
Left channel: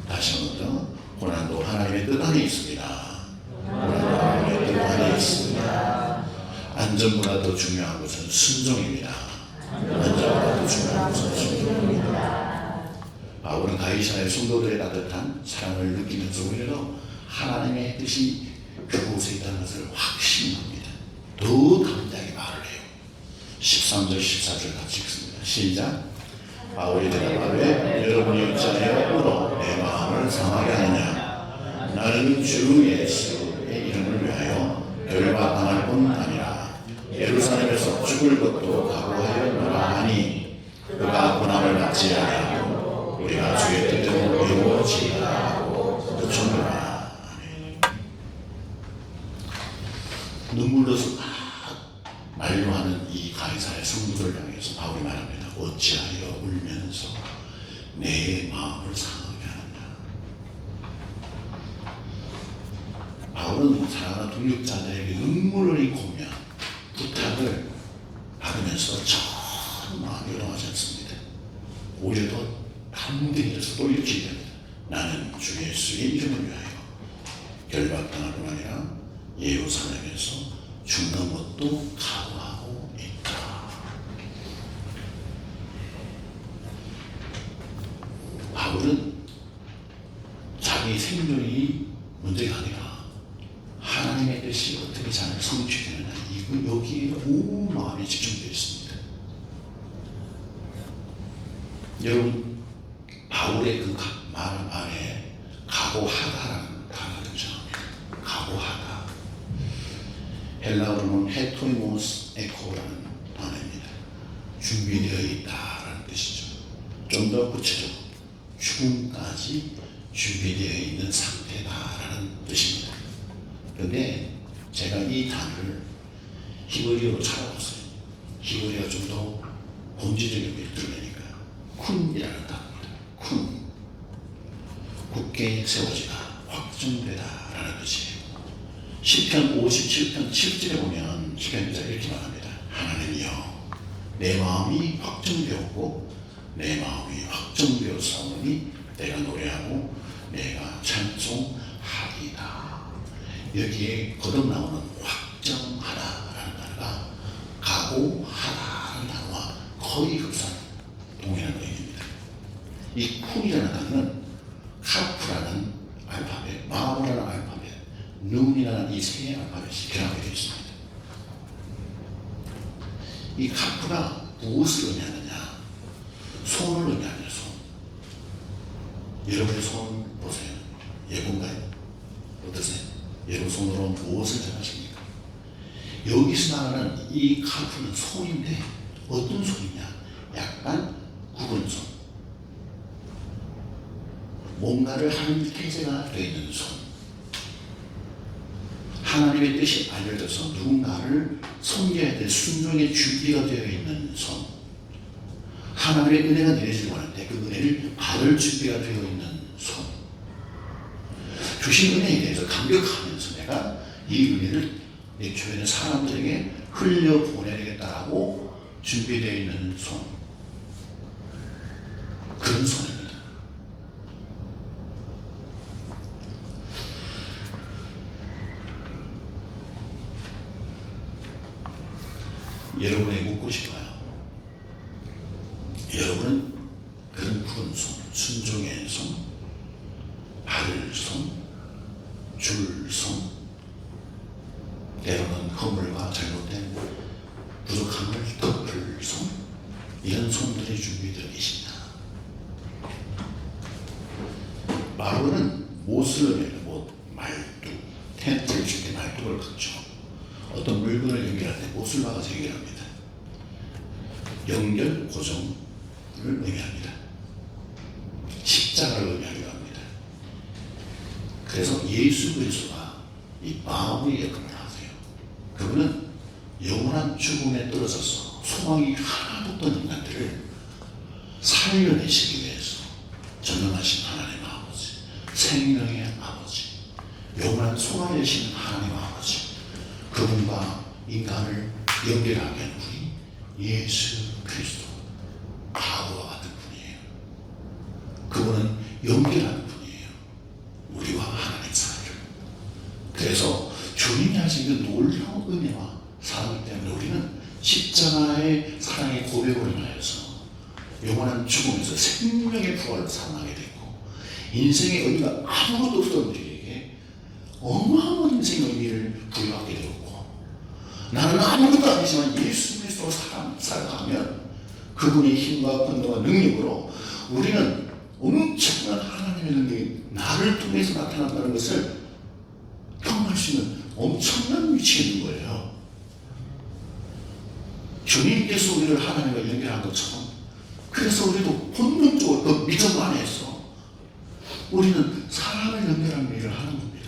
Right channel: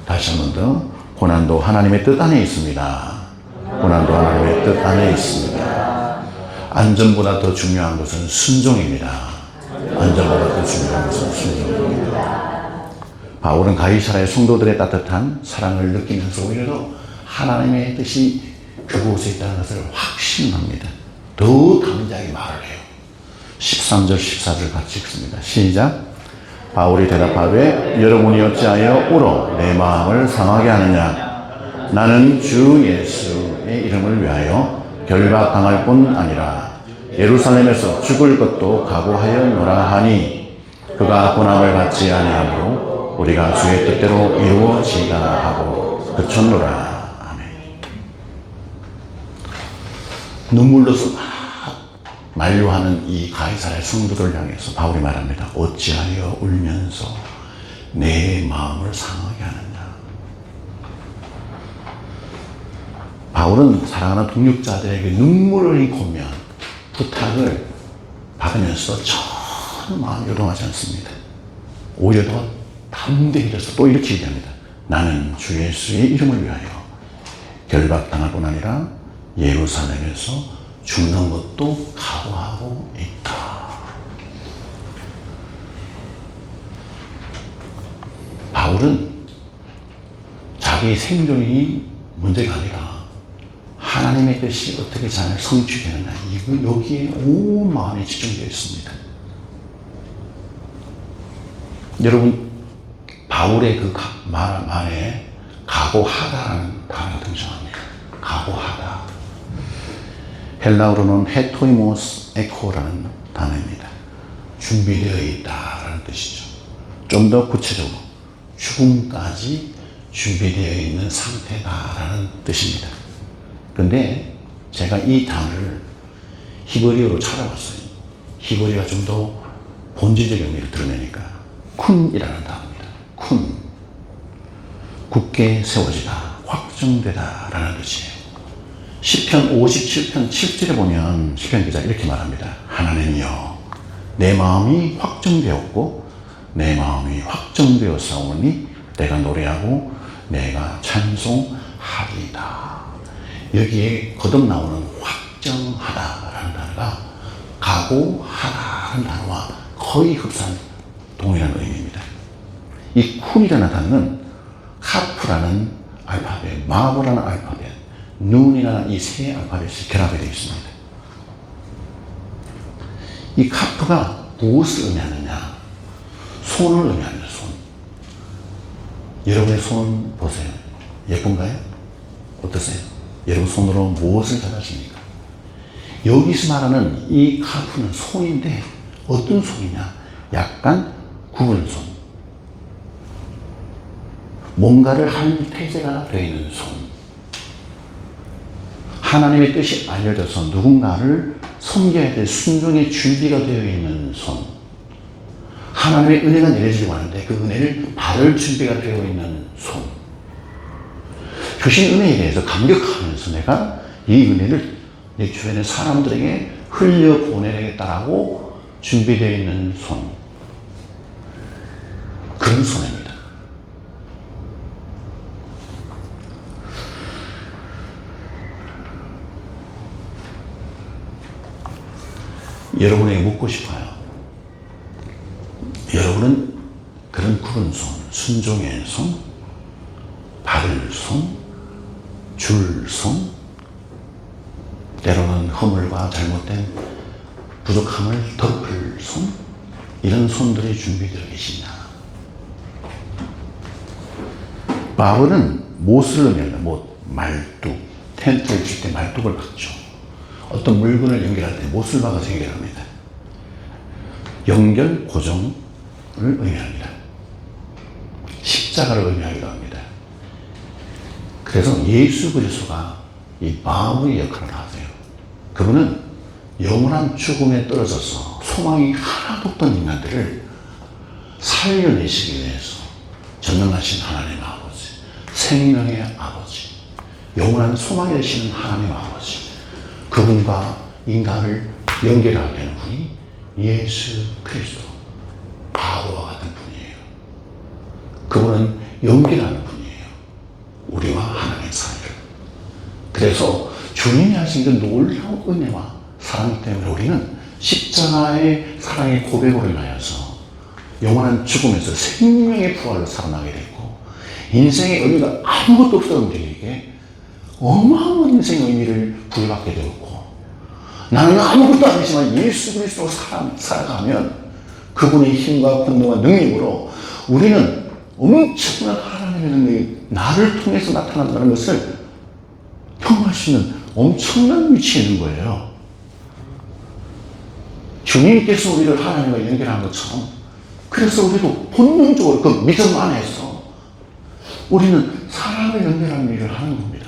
다시 한 번 더. 고난도 하나님의 뜻 안에 있습니다. 고난도 하나님의 뜻 안에 있습니다. 안전보다 더 중요한 것은 순종입니다. 안전보다 더 중요한 것은 순종입니다. 바울은 가이사라의 성도들의 따뜻한 사랑을 느끼면서 오히려 하나님의 뜻이 그곳에 있다는 것을 확신합니다. 더 담대하게 말을 해요. 13절 14절 같이 읽습니다. 시작. 바울이 대답하되 여러분이 어찌하여 울어 내 마음을 상하게 하느냐. 나는 주 예수의 이름을 위하여 결박당할 뿐 아니라 예루살렘에서 죽을 것도 각오하였노라 하니 그가 고난을 받지 아니하므로 우리가 주의 뜻대로 이루어지다 하고 그쳤노라. 아멘. 눈물로서 만류하는 이 가이사라의 성도들을 향해서 바울이 말합니다. 어찌하여 울면서 내 마음을 상하게 하느냐. 바울은 사랑하는 동역자들에게 눈물을 흘리며 부탁을 받으면서 전혀 마음이 요동하지 않습니다. 오히려 더 담대해져서 또 이렇게 얘기합니다. 나는 주 예수의 이름을 위하여 결박당할 뿐 아니라 예루살렘에서 죽는 것도 각오하고 있다. 바울은 자기 생존이 문제가 아니라 하나님의 뜻이 어떻게 잘 성취되느냐 여기에 온 마음이 집중되어 있습니다. 여러분 바울의 그 말에 각오하다라는 단어가 등장합니다. 각오하다. 헬라어로는 헤토이모스 에코라는 단어입니다. 준비되어 있다라는 뜻이죠. 좀 더 구체적으로 죽음까지 준비되어 있는 상태다라는 뜻입니다. 그런데 제가 이 단어를 히브리어로 찾아봤어요. 히브리어가 좀 더 본질적인 의미를 드러내니까 쿤이라는 단어입니다. 쿤. 굳게 세워지다, 확정되다라는 뜻이에요. 시편 57편 7절에 보면 시편 기자가 이렇게 말합니다. 하나님이여 내 마음이 확정되었고 내 마음이 확정되었사오니 내가 노래하고 내가 찬송하리이다. 여기에 거듭나오는 확정하다라는 단어가 각오하다라는 단어와 거의 흡사한 동일한 의미입니다. 이 쿤이라는 단어는 카프라는 알파벳, 마보라는 알파벳, 눈이라는 이 세 알파벳이 결합이 되어 있습니다. 이 카프가 무엇을 의미하느냐? 손을 의미합니다. 손. 여러분의 손 보세요. 예쁜가요? 어떠세요? 여러분 손으로 무엇을 잡아십니까? 여기서 말하는 이 카프는 손인데 어떤 손이냐? 약간 굽은 손. 뭔가를 하는 태세가 되어 있는 손. 하나님의 뜻이 알려져서 누군가를 섬겨야 될 순종의 준비가 되어 있는 손. 하나님의 은혜가 내려지고 하는데 그 은혜를 받을 준비가 되어 있는 손. 주신 은혜에 대해서 감격하면서 내가 이 은혜를 내 주변의 사람들에게 흘려보내야겠다라고 준비되어 있는 손. 그런 손입니다. 여러분에게 묻고 싶어요. 여러분은 그런 굽은 손, 순종의 손, 바를 손, 줄 손, 때로는 허물과 잘못된 부족함을 덮을 손, 이런 손들이 준비되어 계시냐. 바울은 못을 의미합니다. 못, 말뚝, 텐트를 칠 때 말뚝을 박죠. 어떤 물건을 연결할 때 못을 박아서 연결합니다. 연결, 고정을 의미합니다. 십자가를 의미하기도 합니다. 그래서 예수 그리스도가 이 바울의 역할을 하세요. 그분은 영원한 죽음에 떨어져서 소망이 하나도 없던 인간들을 살려내시기 위해서 전능하신 하나님 아버지, 생명의 아버지, 영원한 소망이 되시는 하나님 아버지, 그분과 인간을 연결하게 하는 분이 예수 그리스도, 바울과 같은 분이에요. 그분은 연결하는 분이에요. 우리와 하나님의 사이를. 그래서 주님이 하신 그 놀라운 은혜와 사랑 때문에 우리는 십자가의 사랑의 고백으로 인하여서 영원한 죽음에서 생명의 부활을 살아나게 되고, 인생의 의미가 아무것도 없었던 우리에게 어마어마한 인생의 의미를 부여받게 되었고, 나는 아무것도 아니지만 예수 그리스도로 살아가면 그분의 힘과 권능과 능력으로 우리는 엄청난 하나님의 능력이 나를 통해서 나타난다는 것을 경험할 수 있는 엄청난 위치에 있는 거예요. 주님께서 우리를 하나님과 연결한 것처럼, 그래서 우리도 본능적으로 그 믿음 안에서 우리는 사람을 연결하는 일을 하는 겁니다.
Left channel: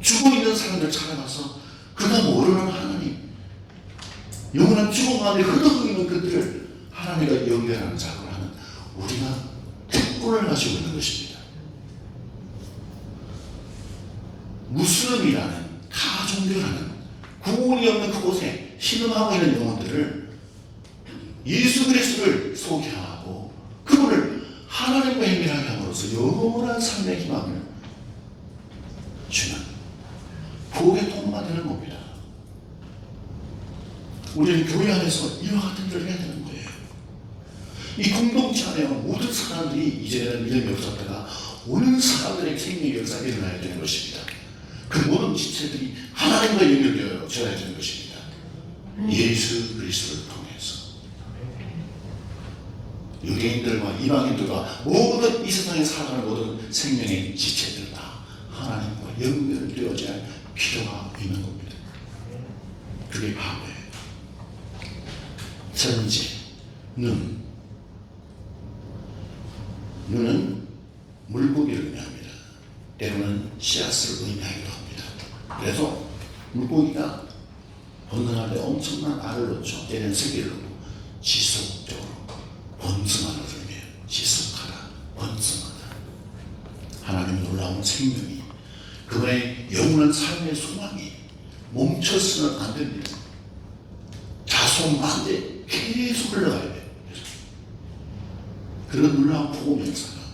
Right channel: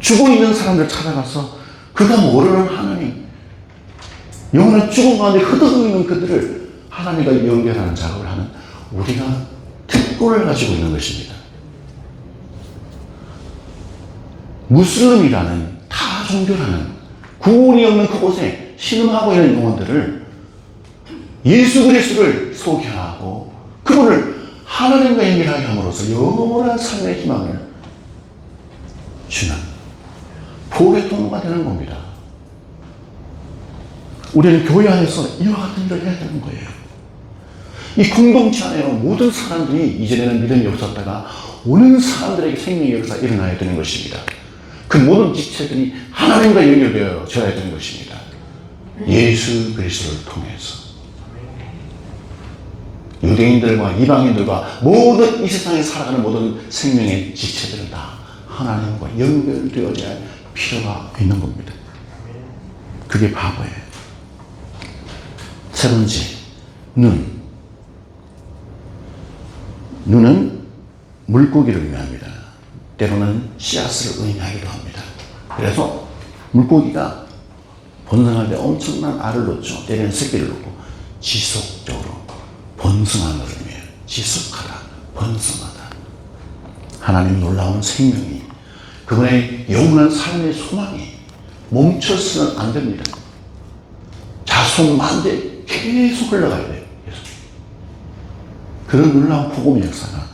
죽어있는 사람들 찾아가서 그가 모르는 하나님, 영원한 죽음 가운데 흐드러있는 그들을 하나님과 연결하는 작업을 하는 우리가 특권을 가지고 있는 것입니다. 무슬림이라는 타 종교라는 구원이 없는 그곳에 신음하고 있는 영혼들을 예수 그리스도를 소개하고 그분을 하나님과 연결하게 함으로써 영원한 삶의 희망을 주는 복의 통로가 되는 겁니다. 우리는 교회 안에서 이와 같은 일을 해야 되는 거예요. 이 공동체 안에 모든 사람들이 이전에는 믿음이 없었다가 오는 사람들에게 생명의 역사가 일어나야 되는 것입니다. 그 모든 지체들이 하나님과 연결되어져야 되는 것입니다. 예수 그리스도를 통해서 유대인들과 이방인들과 모든 이 세상에 살아가는 모든 생명의 지체들은 다 하나님과 연결되어야 할 필요가 있는 겁니다. 그게 바보예요. 세 번째, 눈은 물고기를 의미합니다. 때로는 씨앗을 의미하기도 합니다. 그래서 물고기가 번성할 때 엄청난 알을 놓죠. 때로는 새끼를 놓고 지속적으로 번성하는 것을 의미해요. 지속하다, 번성하다. 하나님 놀라운 생명이, 그분의 영원한 삶의 소망이 멈춰서는 안 됩니다. 자손만대 계속 흘러가야 돼요. 계속. 그런 놀라운 복음의 역사가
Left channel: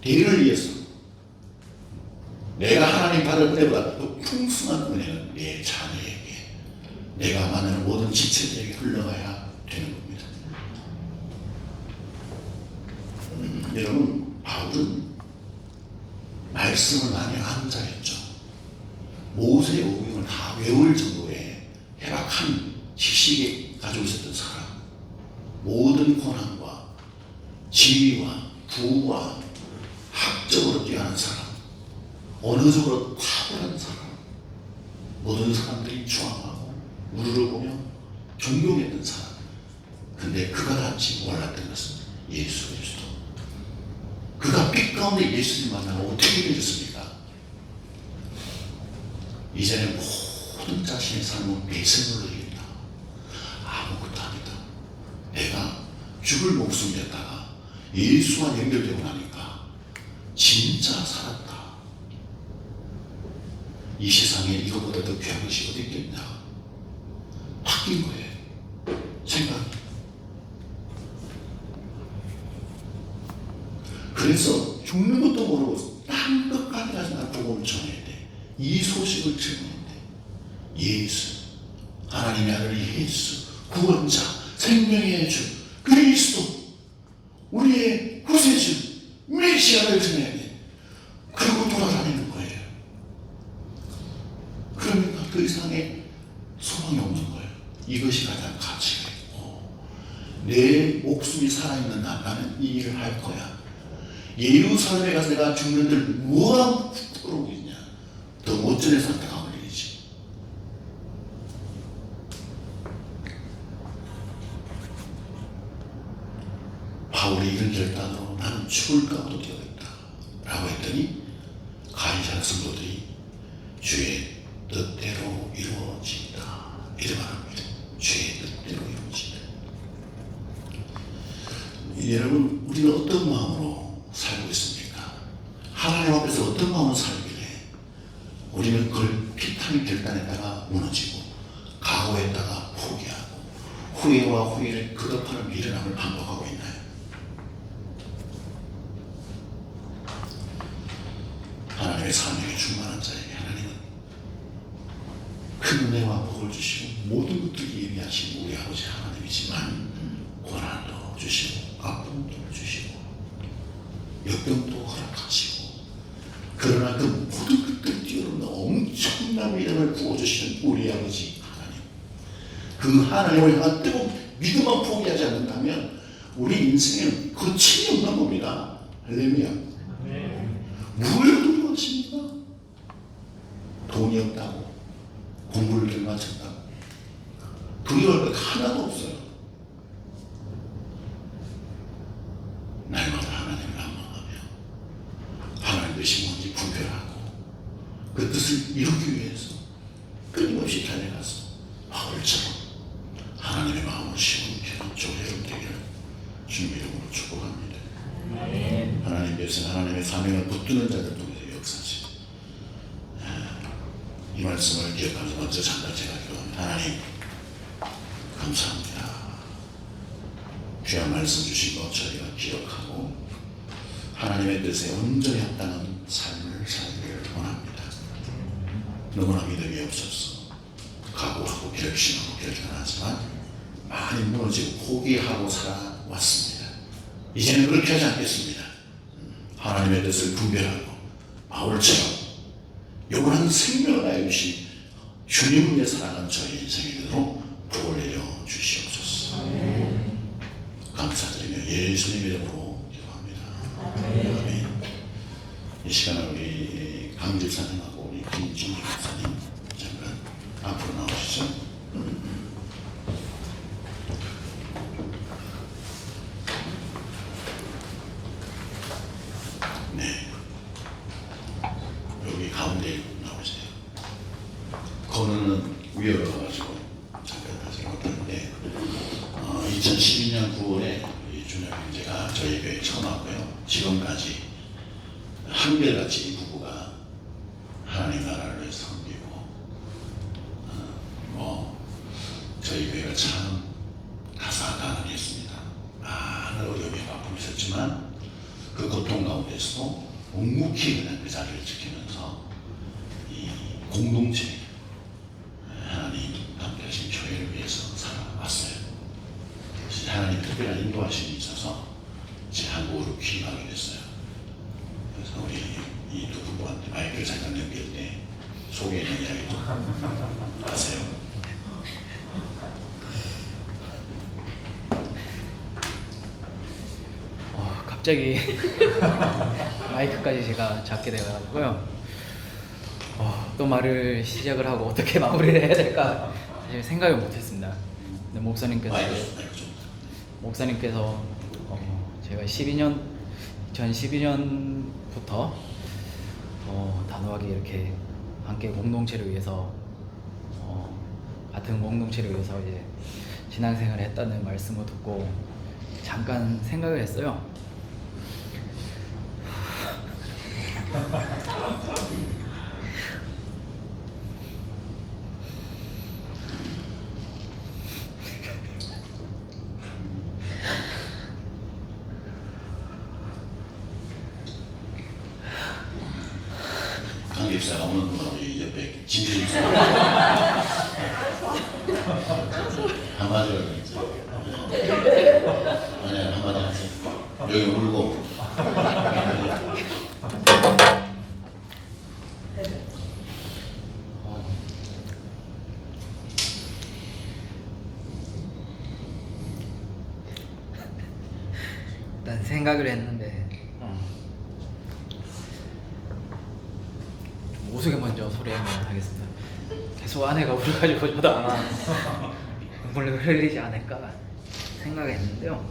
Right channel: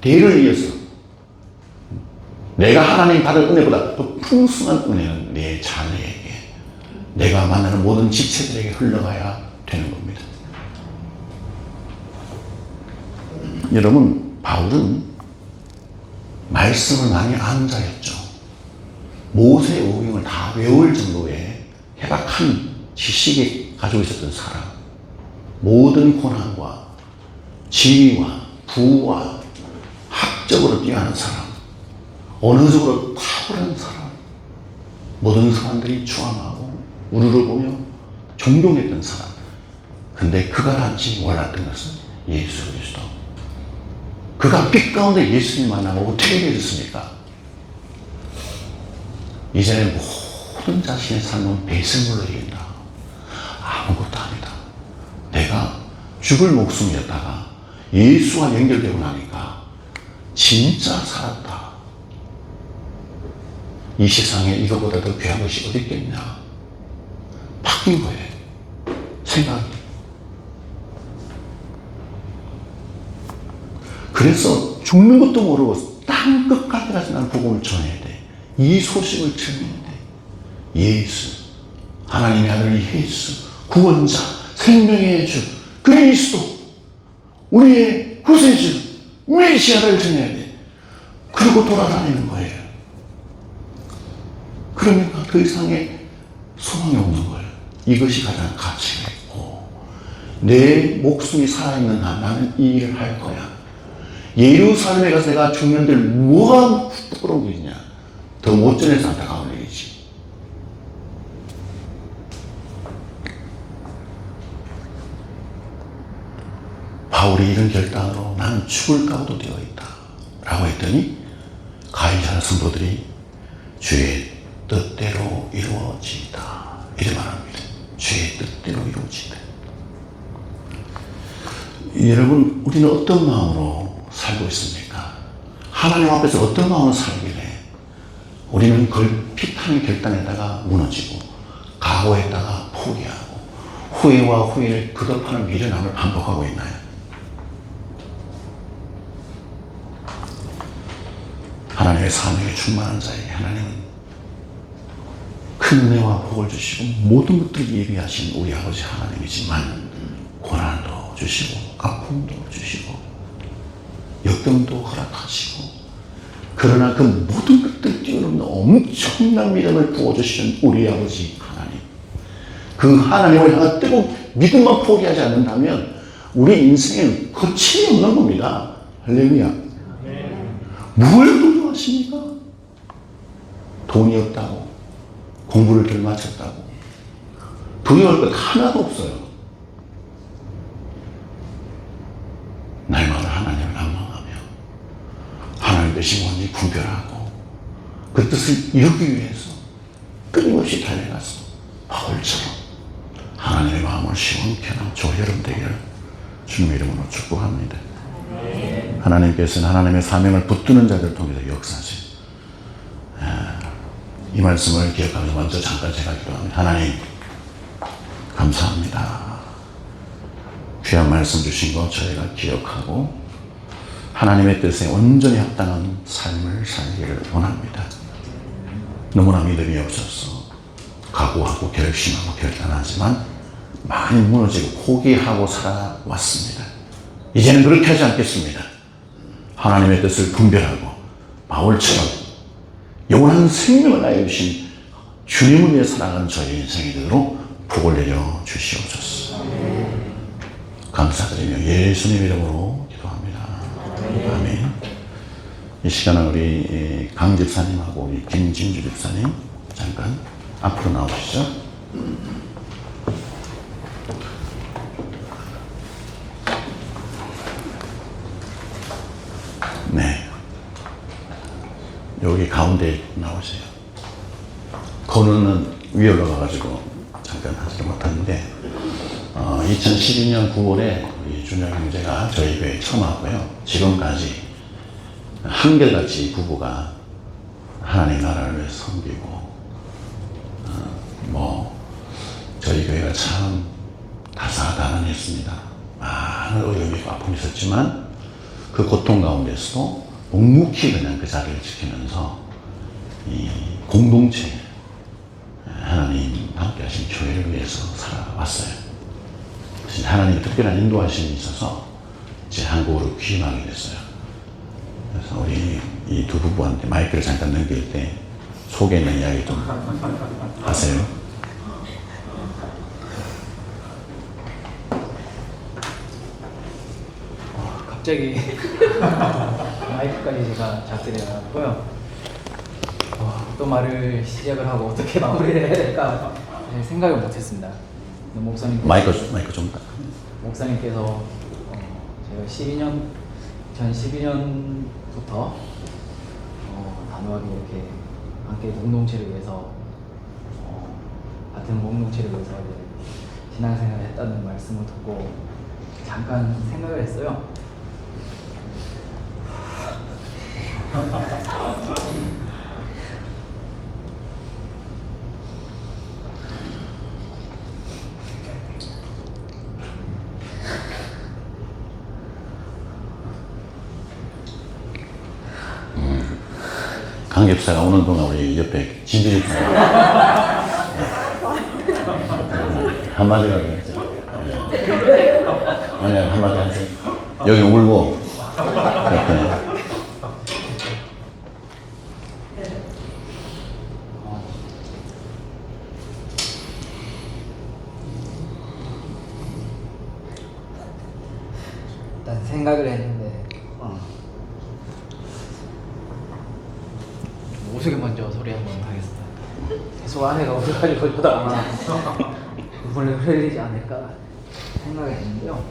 대를 이어서 내가 하나님 받을 은혜보다 또 풍성한 은혜는 내 자녀에게, 내가 만나는 모든 지체들에게 흘러가야 되는 겁니다. 여러분, 바울은 말씀을 많이 아는 자였죠. 모세의 오경을 다 외울 정도의 해박한 지식이 가지고 있었던 사람, 모든 고난과 지위와 부와 학적으로 뛰어난 사람, 언어적으로 탁월한 사람, 모든 사람들이 추앙하고 우르르 보며 존경했던 사람. 근데 그가 단지 몰랐던 것은 예수 그리스도. 그가 빛 가운데 예수님 만나고 어떻게 되었습니까? 이제는 모든 자신의 삶은 배설물로 이긴다. 아무것도 아니다. 내가 죽을 목숨이었다가 예수와 연결되고 나니까 진짜 살았다. 이 세상에 이거보다 더 귀한 것이 어디 있겠냐. 바뀐 거예요. 생각이. 그래서 죽는 것도 모르고 땅 끝까지 가서 난 복음을 전해야 돼. 이 소식을 전해야 돼. 예수, 하나님의 아들 예수, 구원자, 생명의 주, 그리스도, 우리의 구세주, 메시아를 전해야 돼. 그리고 돌아다니는 거예요. 그러니까 그 이상의 소망이 없는 거예요. 이것이 가장 가치가 있고, 내 목숨이 살아있는 한 나는 이 일을 할 거야. 예루살렘에 가서 내가 죽는데 뭐가 부끄러운 일이냐. 더 못 전해서 안타까운 일이지. 바울이 이런 결단으로 나는 죽을 각오도 되어 있다 라고 했더니 가이사랴 성도들이 주의 뜻대로 이루어지다 이렇게 말합니다. 주의 뜻대로 이루어지다. 여러분, 우리는 어떤 마음으로 살고 있습니까? 하나님 앞에서 어떤 마음으로 살길래 우리는 그걸 피타는 결단에다가 무너지고 각오했다가 포기하고 후회와 후회를 거듭하는 미련함을 반복하고 있나요? 하나님의 사명에 충만한 자에게 하나님은 큰 은혜와 복을 주시고 모든 것들을 예비하신 우리 아버지 하나님이지만 고난도 주시고 아픔도 주시고 역병도 허락하시고 그러나 그 모든 것들 뛰어넘는 엄청난 믿음을 부어주시는 우리 아버지 하나님, 그 하나님을 향한 뜨거운 믿음만 포기하지 않는다면 우리 인생에는 거침이 없는 겁니다. 할렐루야. 뭘 두려워하십니까? 돈이 없다고, 공부를 덜 마쳤다고 두려워할 것 하나도 없어요. 날마다 하나님을仰望하며 하나님 뜻이 뭔지 분별하고 그 뜻을 이루기 위해서 끊임없이 달려가서 바울처럼 하나님의 마음을 시원케 하는 저 여러분 되기를 주님의 이름으로 축복합니다. 하나님께서는 하나님의 사명을 붙드는 자들을 통해서 역사하시고, 이 말씀을 기억하면서 먼저 잠깐 제가 기도합니다. 하나님 감사합니다. 귀한 말씀 주신 거 저희가 기억하고 하나님의 뜻에 온전히 합당한 삶을 살기를 원합니다. 너무나 믿음이 없어서 각오하고 결심하고 결단하지만 많이 무너지고 포기하고 살아왔습니다. 이제는 그렇게 하지 않겠습니다. 하나님의 뜻을 분별하고 바울처럼 영원한 생명을 나에 주신 주님을 위해 살아가는 저희 인생이 되도록 복을 내려 주시옵소서. 감사드리며 예수님 이름으로 기도합니다. 아멘. 이 시간은 우리 강 집사님하고 우리 김진주 집사님 잠깐 앞으로 나오시죠. 네, 여기 가운데 나오세요. 건우는 위에 올라가가지고 잠깐 하지 못했는데 2012년 9월에 준영 형제가 저희 교회에 처음 왔고요. 지금까지 한결같이 부부가 하나님 나라를 위해서 섬기고 저희 교회가 참 다사다난했습니다. 많은 어려움과 아픔이 있었지만 그 고통 가운데서도 묵묵히 그냥 그 자리를 지키면서 이 공동체 하나님 함께 하신 교회를 위해서 살아왔어요. 하나님 특별한 인도하심이 있어서 이제 한국으로 귀임하게 됐어요. 그래서 우리 이 두 부부한테 마이크를 잠깐 넘길 때 속에 있는 이야기 좀 하세요. 갑자기 마이크까지 제가 잡게 돼가지고요. 또 말을 시작을 하고 어떻게 마무리를 해야 될까 사실 생각을 못했습니다. 근데 마이크 좀. 목사님께서 제가 2012년부터 단호하게 이렇게 함께 공동체를 위해서 같은 공동체를 위해서 이제 신앙생활을 했다는 말씀을 듣고 잠깐 생각을 했어요. 강 집사가 오는 동안 우리 옆에 진주 집사가 한마디가 되겠죠. 아니 한마디 하세요. 여기 울고 그랬더니 일단 생각을 했는데 우스개 먼저 소리 한번 하겠습니다. 계속 아내가 울어가지고 저다 눈물을 흘리지 않을까 생각을 했는데요.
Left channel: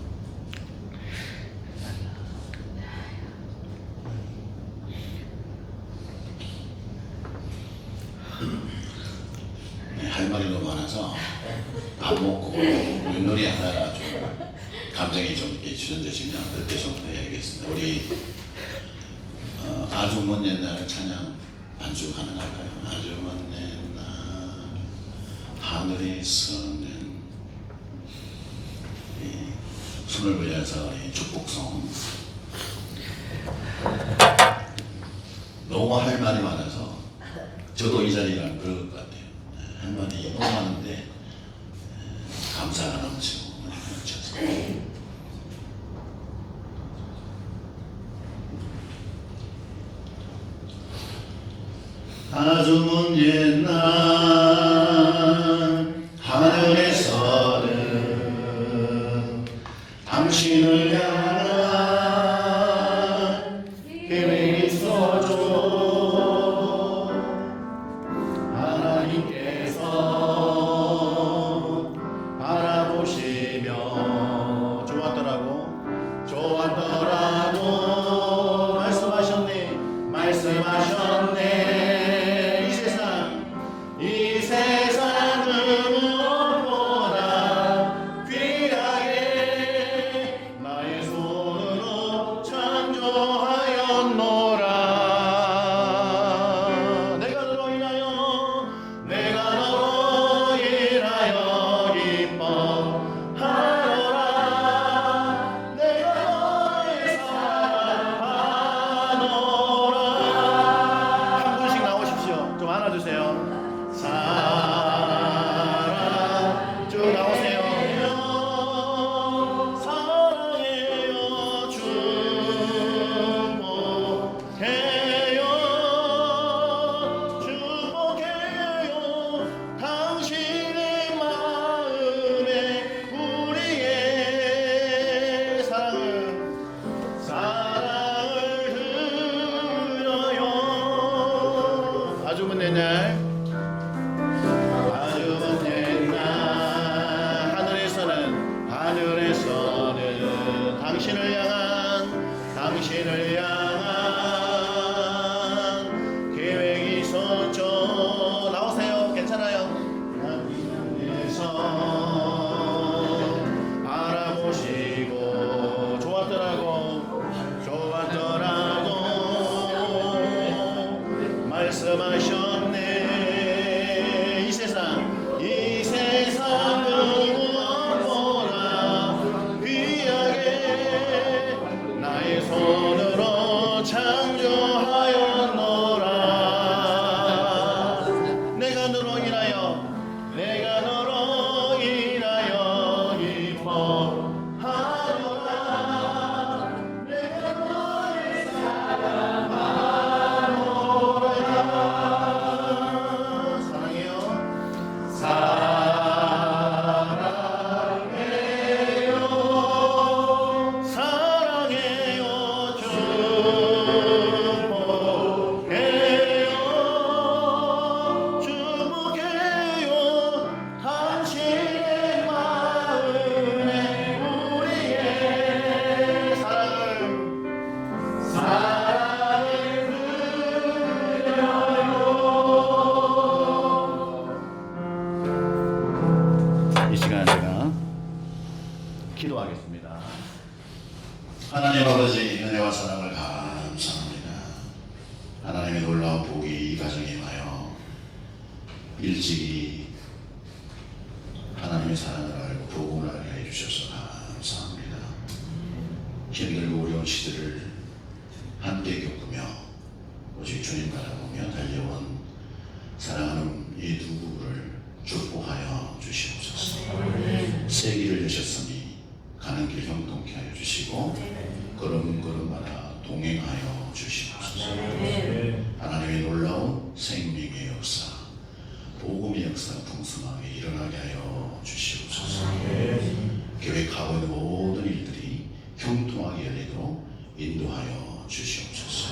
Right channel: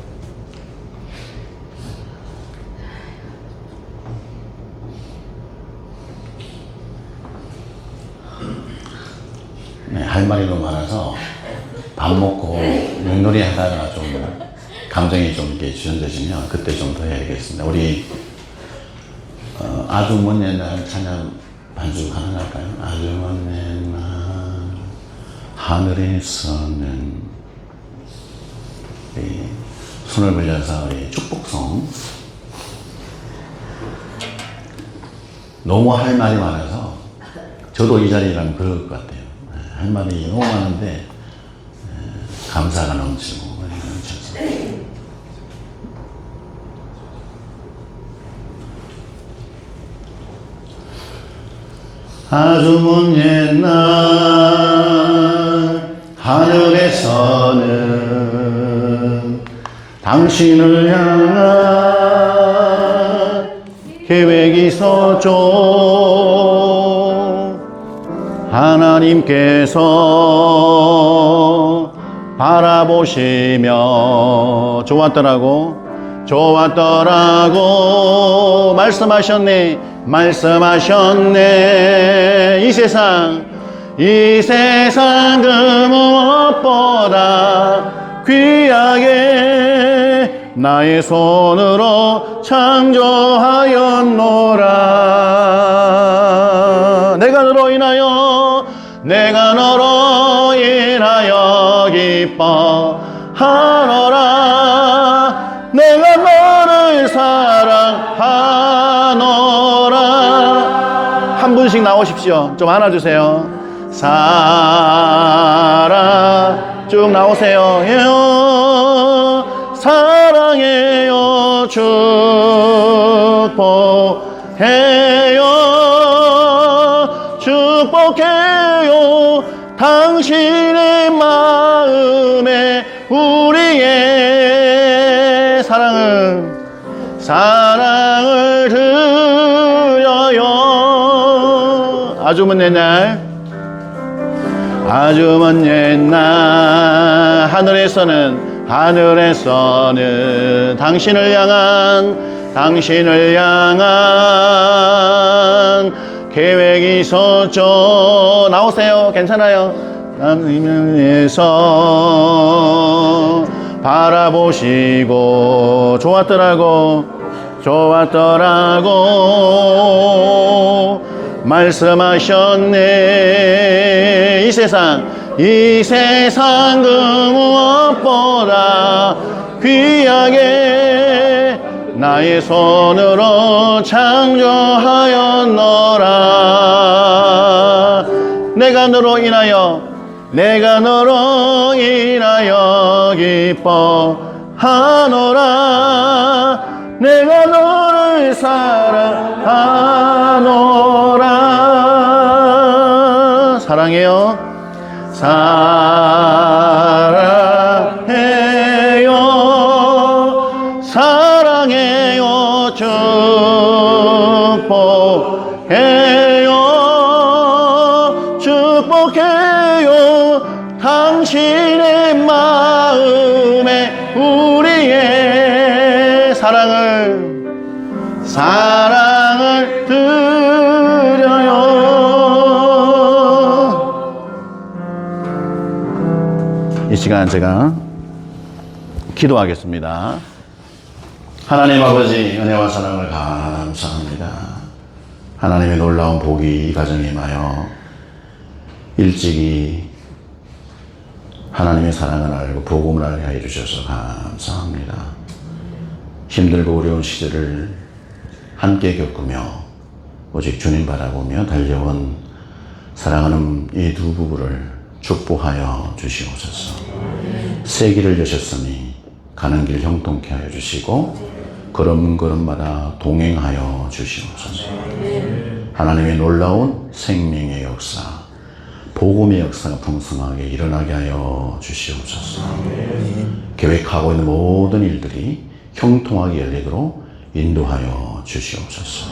네, 할 말이 너무 많아서 밥 먹고 윷놀이 하다가 좀 감정이 좀 이렇게 지연되시면 그때 좀 더 해야겠습니다. 우리 아주 먼 옛날 찬양 반주 가능할까요? 아주 먼 옛날 하늘에서는 손을 벌려서 축복성. 너무 할 말이 많아서 저도 이 자리라면 그럴 것 같아요. 할 말이 너무 많은데 감사가 넘치고 아주 먼 옛날 하늘에서는 당신을 향한 계획이 있었죠. 하나님께서 바라보시며 좋았더라고 말씀하셨네. 이 세상 그 무엇보다 귀하게 나의 손으로 창조하였노라. 내가 너로 인하여 기뻐하노라. 내가 너를 사랑하노라. 한 분씩 나오십시오. 좀 안아주세요. 사랑 쭉 나오세요. 사랑해요. 축복해요. 당신의 마음에 우리의 사랑을 드려요. 아주 먼 옛날 하늘에서는 당신을 향한 계획이 있었죠. 나오세요. 괜찮아요. 하늘에서 바라보시고 좋았더라고 말씀하셨네. 이 세상 그 무엇보다 귀하게 나의 손으로 창조하였노라. 내가 너로 인하여 기뻐하노라. 내가 너를 사랑하노라. 마음에 우리의 사랑을 드려요. 이 시간 제가 기도하겠습니다. 하나님 아버지, 은혜와 사랑을 감사합니다. 하나님의 놀라운 복이 이 가정에 임하여 일찍이 하나님의 사랑을 알고 복음을 알게 해주셔서 감사합니다. 힘들고 어려운 시대를 함께 겪으며 오직 주님 바라보며 달려온 사랑하는 이 두 부부를 축복하여 주시옵소서. 새 길을 여셨으니 가는 길 형통케 하여 주시고 걸음걸음마다 동행하여 주시옵소서. 하나님의 놀라운 생명의 역사, 복음의 역사가 풍성하게 일어나게 하여 주시옵소서. 계획하고 있는 모든 일들이 형통하게 열리도록 인도하여 주시옵소서.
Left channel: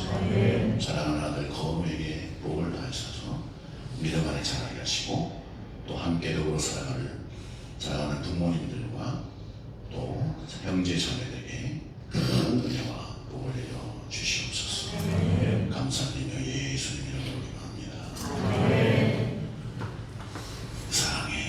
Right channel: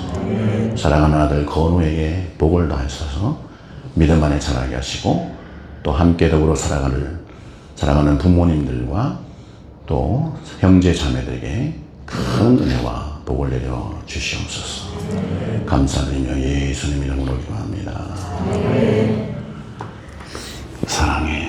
사랑하는 아들 건우에게 복을 다하셔서 믿음 안에 자라게 하시고 또 함께 더불어 사랑하는 부모님들과 또 형제 자매들에게 큰 은혜와 복을 내려 주시옵소서. 감사드리며 예수님 이름으로 기도합니다. 사랑해.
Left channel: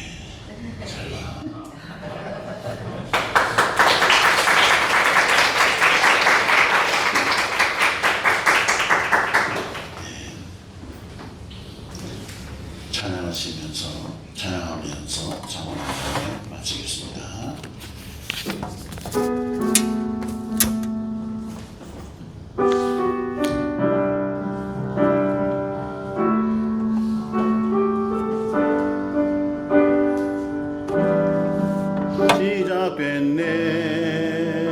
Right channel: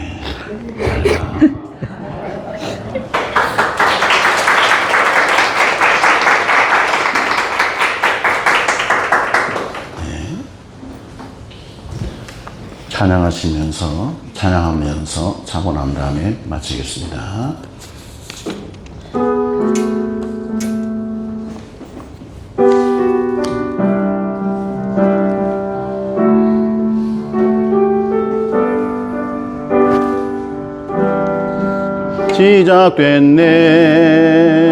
찬양하면서 자고 난 다음에 마치겠습니다.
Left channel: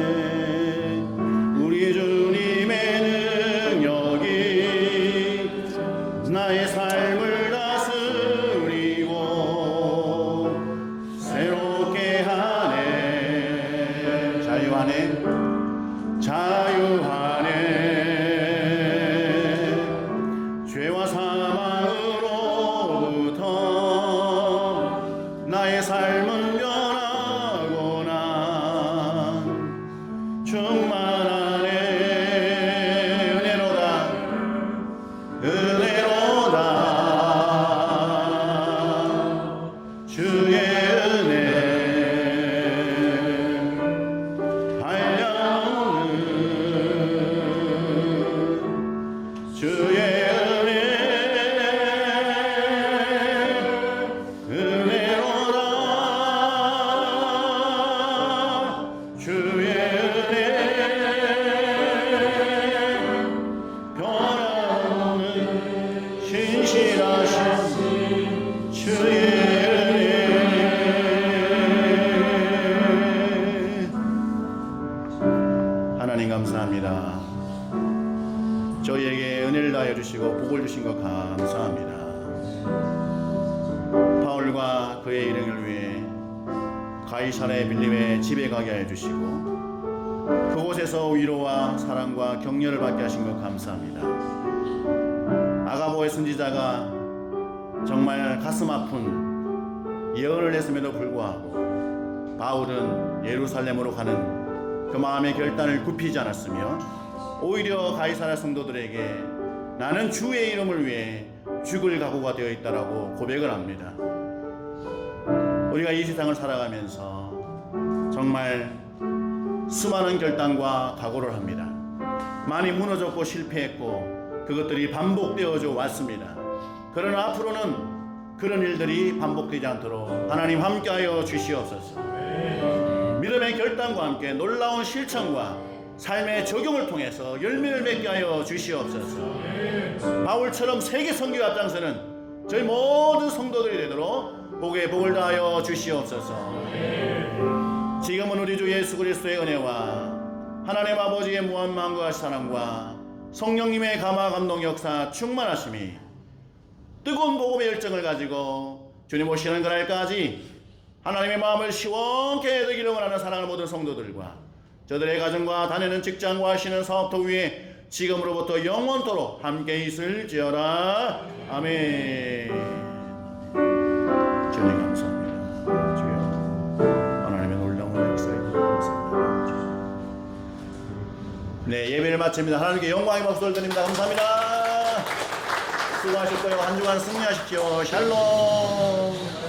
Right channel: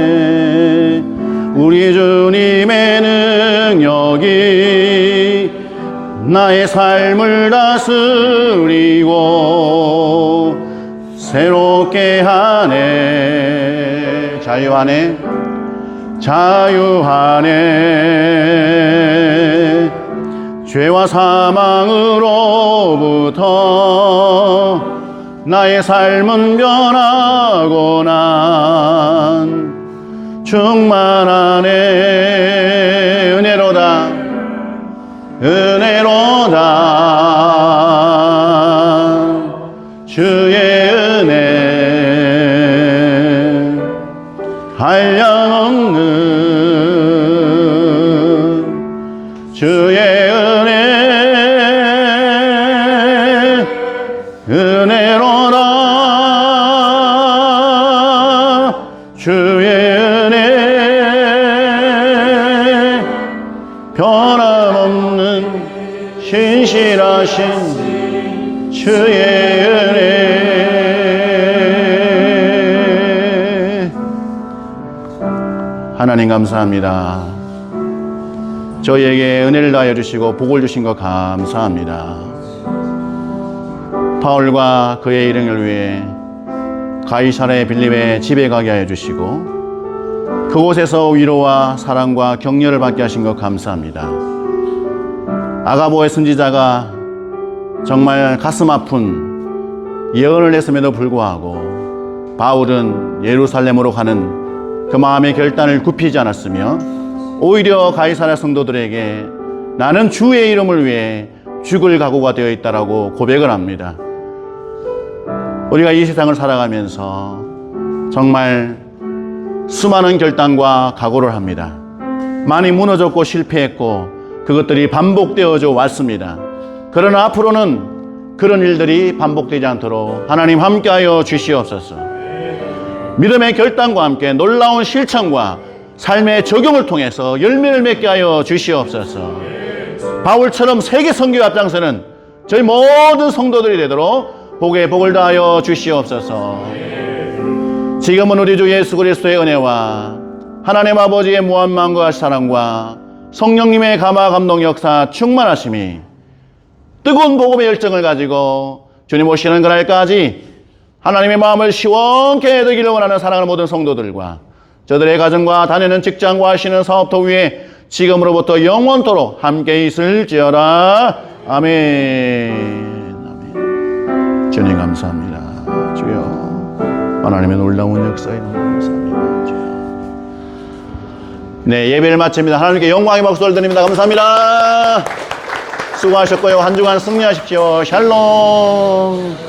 시작됐네 우리 주님의 능력이 나의 삶을 다스리고 새롭게 하네. 자유하네 죄와 사망으로부터 나의 삶은 변하고 난 충만하네. 은혜로다 주의 은혜 한량없는 주의 은혜로다 주의 은혜 변함없는 신실하신 주의 은혜. 하나님 감사합니다. 저희에게 은혜를 다하여 주시고 복을 주신 것 감사합니다. 바울과 그의 일행을 위해 가이사랴 빌립의 집에 가게 하여 주시고 그곳에서 위로와 사랑과 격려를 받게 하신 것 감사합니다. 아가보의 선지자가 정말 가슴 아픈 예언을 했음에도 불구하고 바울은 예루살렘으로 가는 그 마음의 결단을 굽히지 않았으며 오히려 가이사랴 성도들에게 나는 주의 이름을 위해 죽을 각오가 되어 있다라고 고백을 합니다. 우리가 이 세상을 살아가면서 정말 수많은 결단과 각오를 합니다. 많이 무너졌고 실패했고 그것들이 반복되어져 왔습니다. 그러나 앞으로는 그런 일들이 반복되지 않도록 하나님 함께하여 주시옵소서. 믿음의 결단과 함께 놀라운 실천과 삶의 적용을 통해서 열매를 맺게 하여 주시옵소서. 바울처럼 세계 선교에 앞장서는 저희 모든 성도들이 되도록 복에 복을 다하여 주시옵소서. 지금은 우리 주 예수 그리스도의 은혜와 하나님 아버지의 무한만과 사랑과 성령님의 감화 감동 역사 충만하심이 뜨거운 복음의 열정을 가지고 주님 오시는 그날까지 하나님의 마음을 시원케 되기를 원하는 사랑하는 모든 성도들과 저들의 가정과 다니는 직장과 하시는 사업터 위에 지금으로부터 영원토록 함께 있을지어다. 아멘. 주님 감사합니다. 주여. 하나님의 놀라운 역사 이름 감사합니다. 네, 예배를 마칩니다. 하나님께 영광의 박수를 드립니다. 감사합니다. 수고하셨고요. 한 주간 승리하십시오. 샬롬.